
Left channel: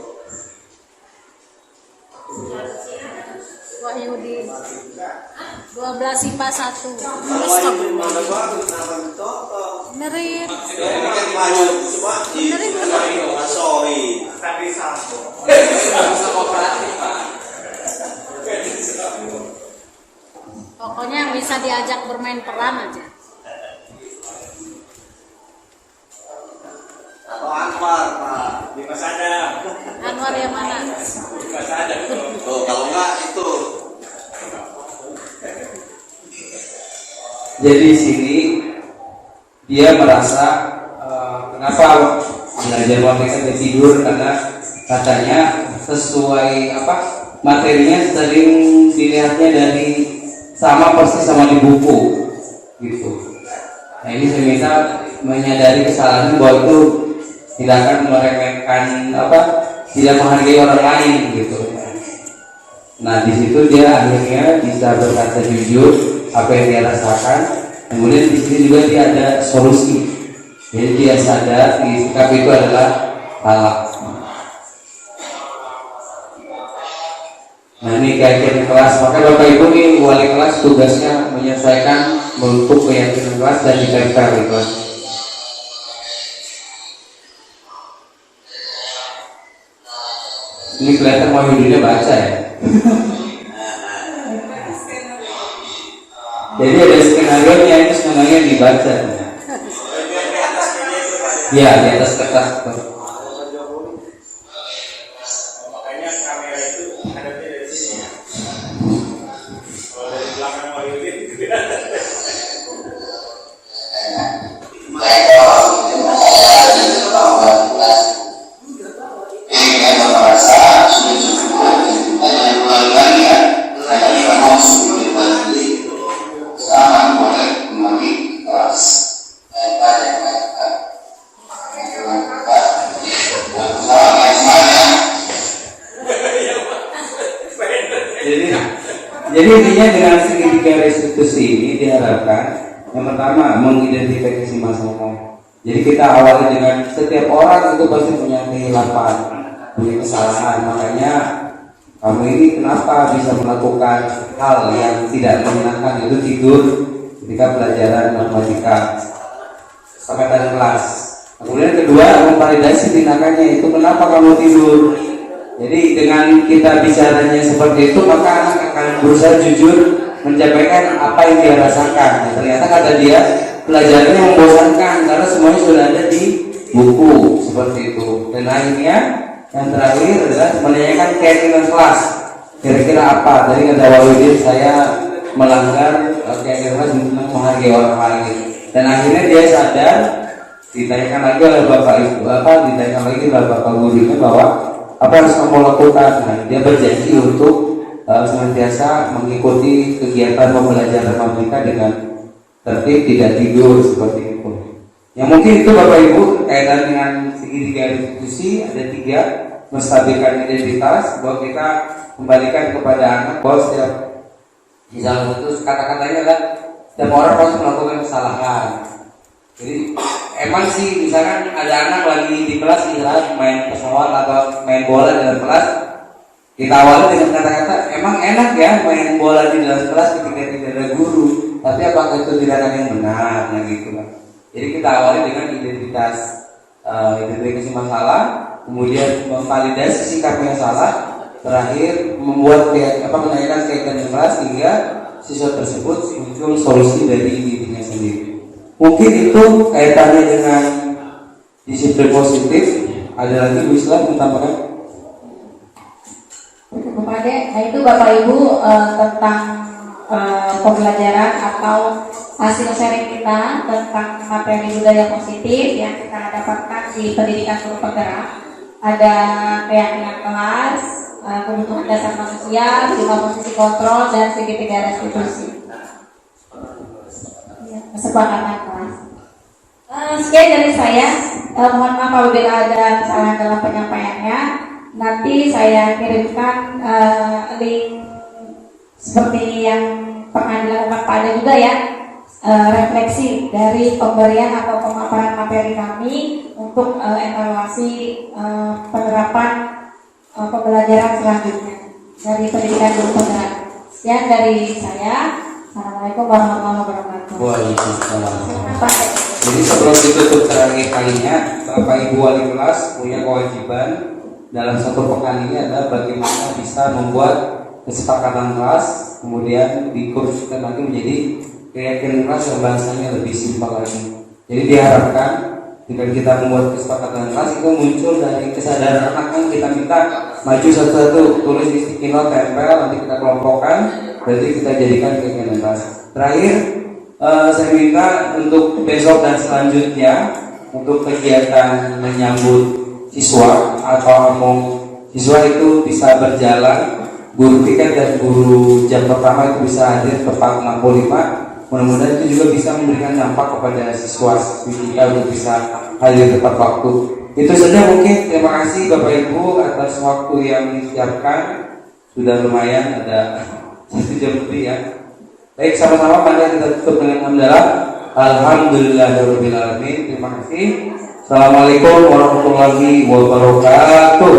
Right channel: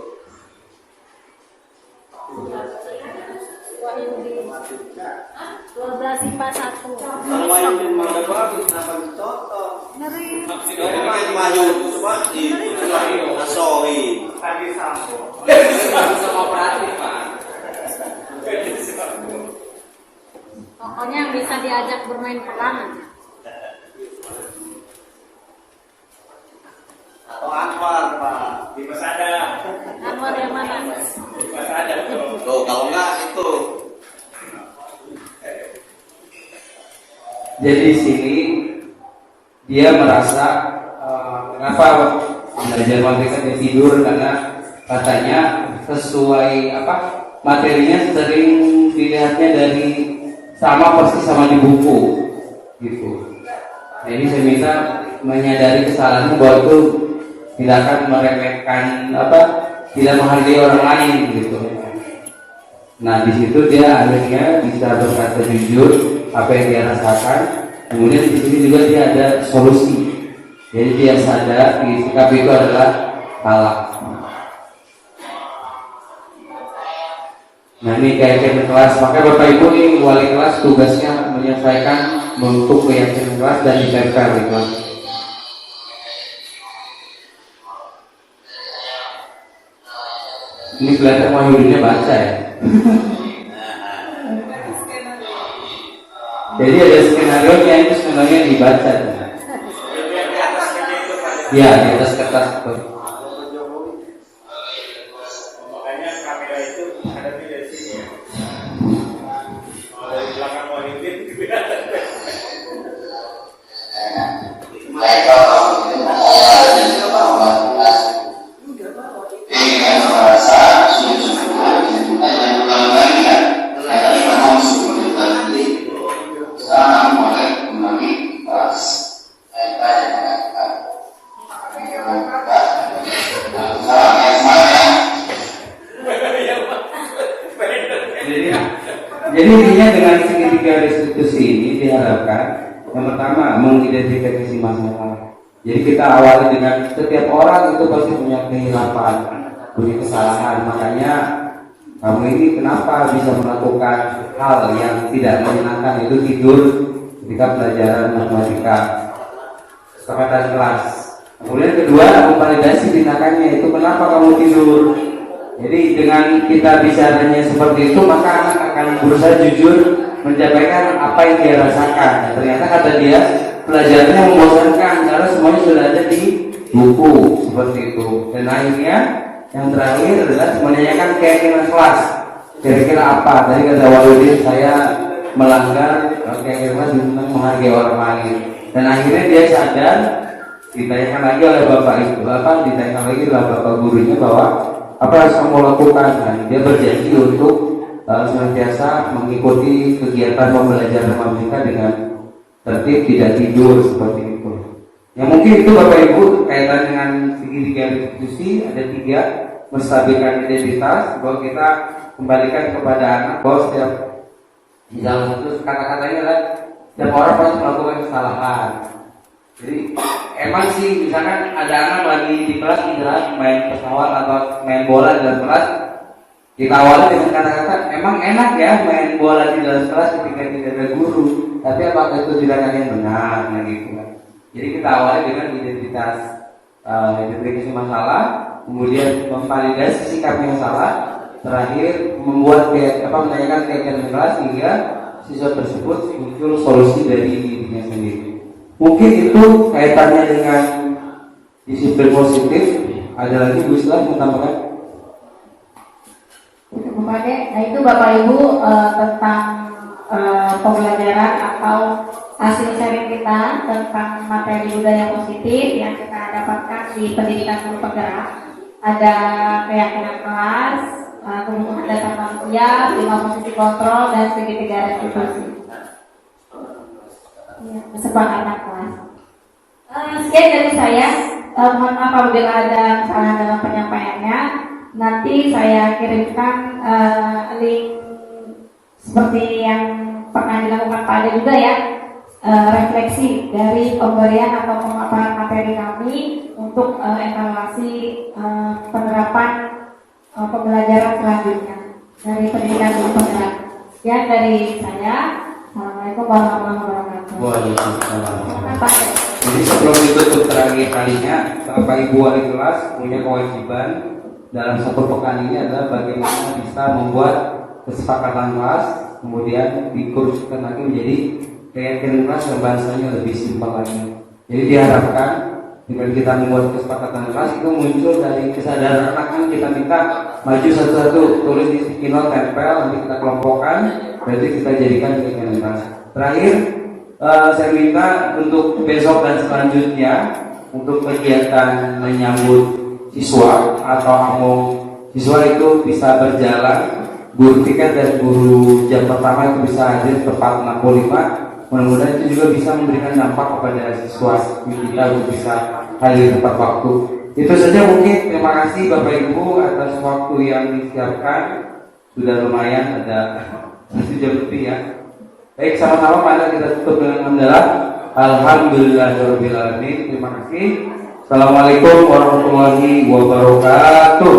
Wahyudi 12 IPA 1. Semua yang ada bagus, kenapa dicontoh? Benerin. Ini kan maju semua di Masoi. Tadi sampo. Bisa kooperatif Pak. Pokoknya yang bisa diajak bermain peran aja. Atau Anwar, Pak. Di Mas Adam. Anwar yang mana? Di Mas Adam. Tuh, kalau enggak itu. Jadi di sini dia merasa kenapa belajar mereka dia tidur, karena katanya sesuai apa materinya sering dilihatnya dari sama persis sama di buku gitu. Nah ini saya minta menyadari kesalahan bahwa itu tidak akan meremehkan apa, tidak menghargai orang lain gitu. Nah di situ dia akhirnya bisa berkata jujur apa yang dia rasakan. Kemudian di sini juga dia ada solusi. Jadi dia sadar di sikap itu adalah salah. Nah ini keyakinan kelas. Maka Bapak Ibu ini wali kelas tugasnya menyelesaikan bentuk keyakinan kelas dan ditempel di kelas. Ini kelihatan mau hidupnya baca ya. Jadi ada skenario nya, itu skenario yang dibaca. Ya di atas kertas. Makanya kamera itu hadapnya dari sini ya. Kalau dari belakang Wahyudin kelihatan. Jadi intinya dengan segitiga restitusi ini diharapkan yang pertama mengidentifikasi masalah. Jadi kita awali dengan setiap orang itu pasti punya kehilapan, punya kesalahan. Makanya kamu ini kenapa bisa melakukan hal yang tidak menyenangkan, itu tidur ketika pelajaran matematika sampai kelas. Kemudian kedua, memvalidasi tindakannya, itu kenapa kamu tidur. Jadi dengan kita bisa tanya seperti itu, maka anak akan berusaha jujur menyampaikan apa yang dia rasakan. Nah, ternyata kata dia pelajarannya membosankan karena semuanya sudah ada di buku seperti itu. Dan akhirnya yang terakhir adalah menanyakan keyakinan kelas. Kira-kira apa? Tadi kata Waludin, saya melanggar keyakinan kelas untuk menghargai orang lain. Dan akhirnya dia sadar, ditanyakan lagi oleh bapak ibu, ditanyakan lagi oleh bapak gurunya bahwa apa harus kamu lakukan. Nah, dia berjanji untuk senantiasa mengikuti kegiatan pembelajaran matematika dengan tertib, tidak tidur seperti itu. Yang mungkin itu bapak ibu kaitan dengan segitiga institusi ada 3, menstabilkan identitas, bahwa kita kembalikan kepada anak bahwa setiap di dalam satu kata-katanya adalah setiap orang pasti melakukan kesalahan. Jadi emang sih misalkan ada anak lagi di kelas misalnya main pesawat atau main bola dalam kelas, kita awali dengan kata-kata emang enak ya main bola di dalam kelas ketika tidak ada guru, tapi apakah itu tindakan yang benar, nah gitu kan. Jadi kita awali dengan identifikasi masalah, kemudian memvalidasi sikap yang salah, terakhir membuat menanyakan keyakinan kelas hingga siswa tersebut muncul solusi dari dirinya sendiri. Mungkin itu kaitannya dengan disiplin positif. Ada lagi Bu Islam menambahkan? Nah itu Bapak Ibu tentang pembelajaran atau hasil sharing kita tentang materi budaya positif yang kita dapatkan di pendidikan guru penggerak. Ada keyakinan kelas, kebutuhan dasar manusia, 5 fungsi kontrol, dan segitiga restitusi. Kesepakatan kelas. Sekian dari saya. Mohon maaf apabila ada kesalahan dalam penyampaiannya. Nanti saya kirimkan link seperti yang pernah dilakukan Pak Ade juga ya, refleksi dari pemberian atau pemaparan materi kami untuk evaluasi penerapan pembelajaran selanjutnya dari pendidikan guru penggerak. Sekian dari saya. Assalamualaikum warahmatullahi wabarakatuh. Waalaikumsalam. Jadi sebelum ditutup terakhir kalinya, Bapak Ibu wali kelas punya kewajiban dalam satu pekan ini adalah bagaimana bisa membuat kesepakatan kelas, kemudian dikursuskan nanti menjadi keyakinan kelas yang bahasanya lebih simpel lagi. Jadi diharapkan dengan kita membuat kesepakatan kelas itu muncul dari kesadaran anak, kan kita minta maju satu-satu, tulis di sticky note, tempel, nanti kita kelompokkan, berarti kita jadikan keyakinan kelas. Terakhir, saya minta untuk besok dan selanjutnya untuk kegiatan menyambut siswa atau siswa itu bisa berjalan, guru tiket dan guru jam pertama itu bisa hadir tepat 65. Mudah-mudahan itu juga bisa memberikan dampak kepada siswa kita untuk bisa hadir tepat waktu. Itu saja mungkin. Terima kasih Bapak Ibu atas waktu yang disiapkan. Sudah lumayan, ada 1 jam lebih ya. Baik, sama-sama mari kita tutup dengan hamdalah. Alhamdulillahirabbil alamin. Terima kasih. Assalamualaikum warahmatullahi wabarakatuh.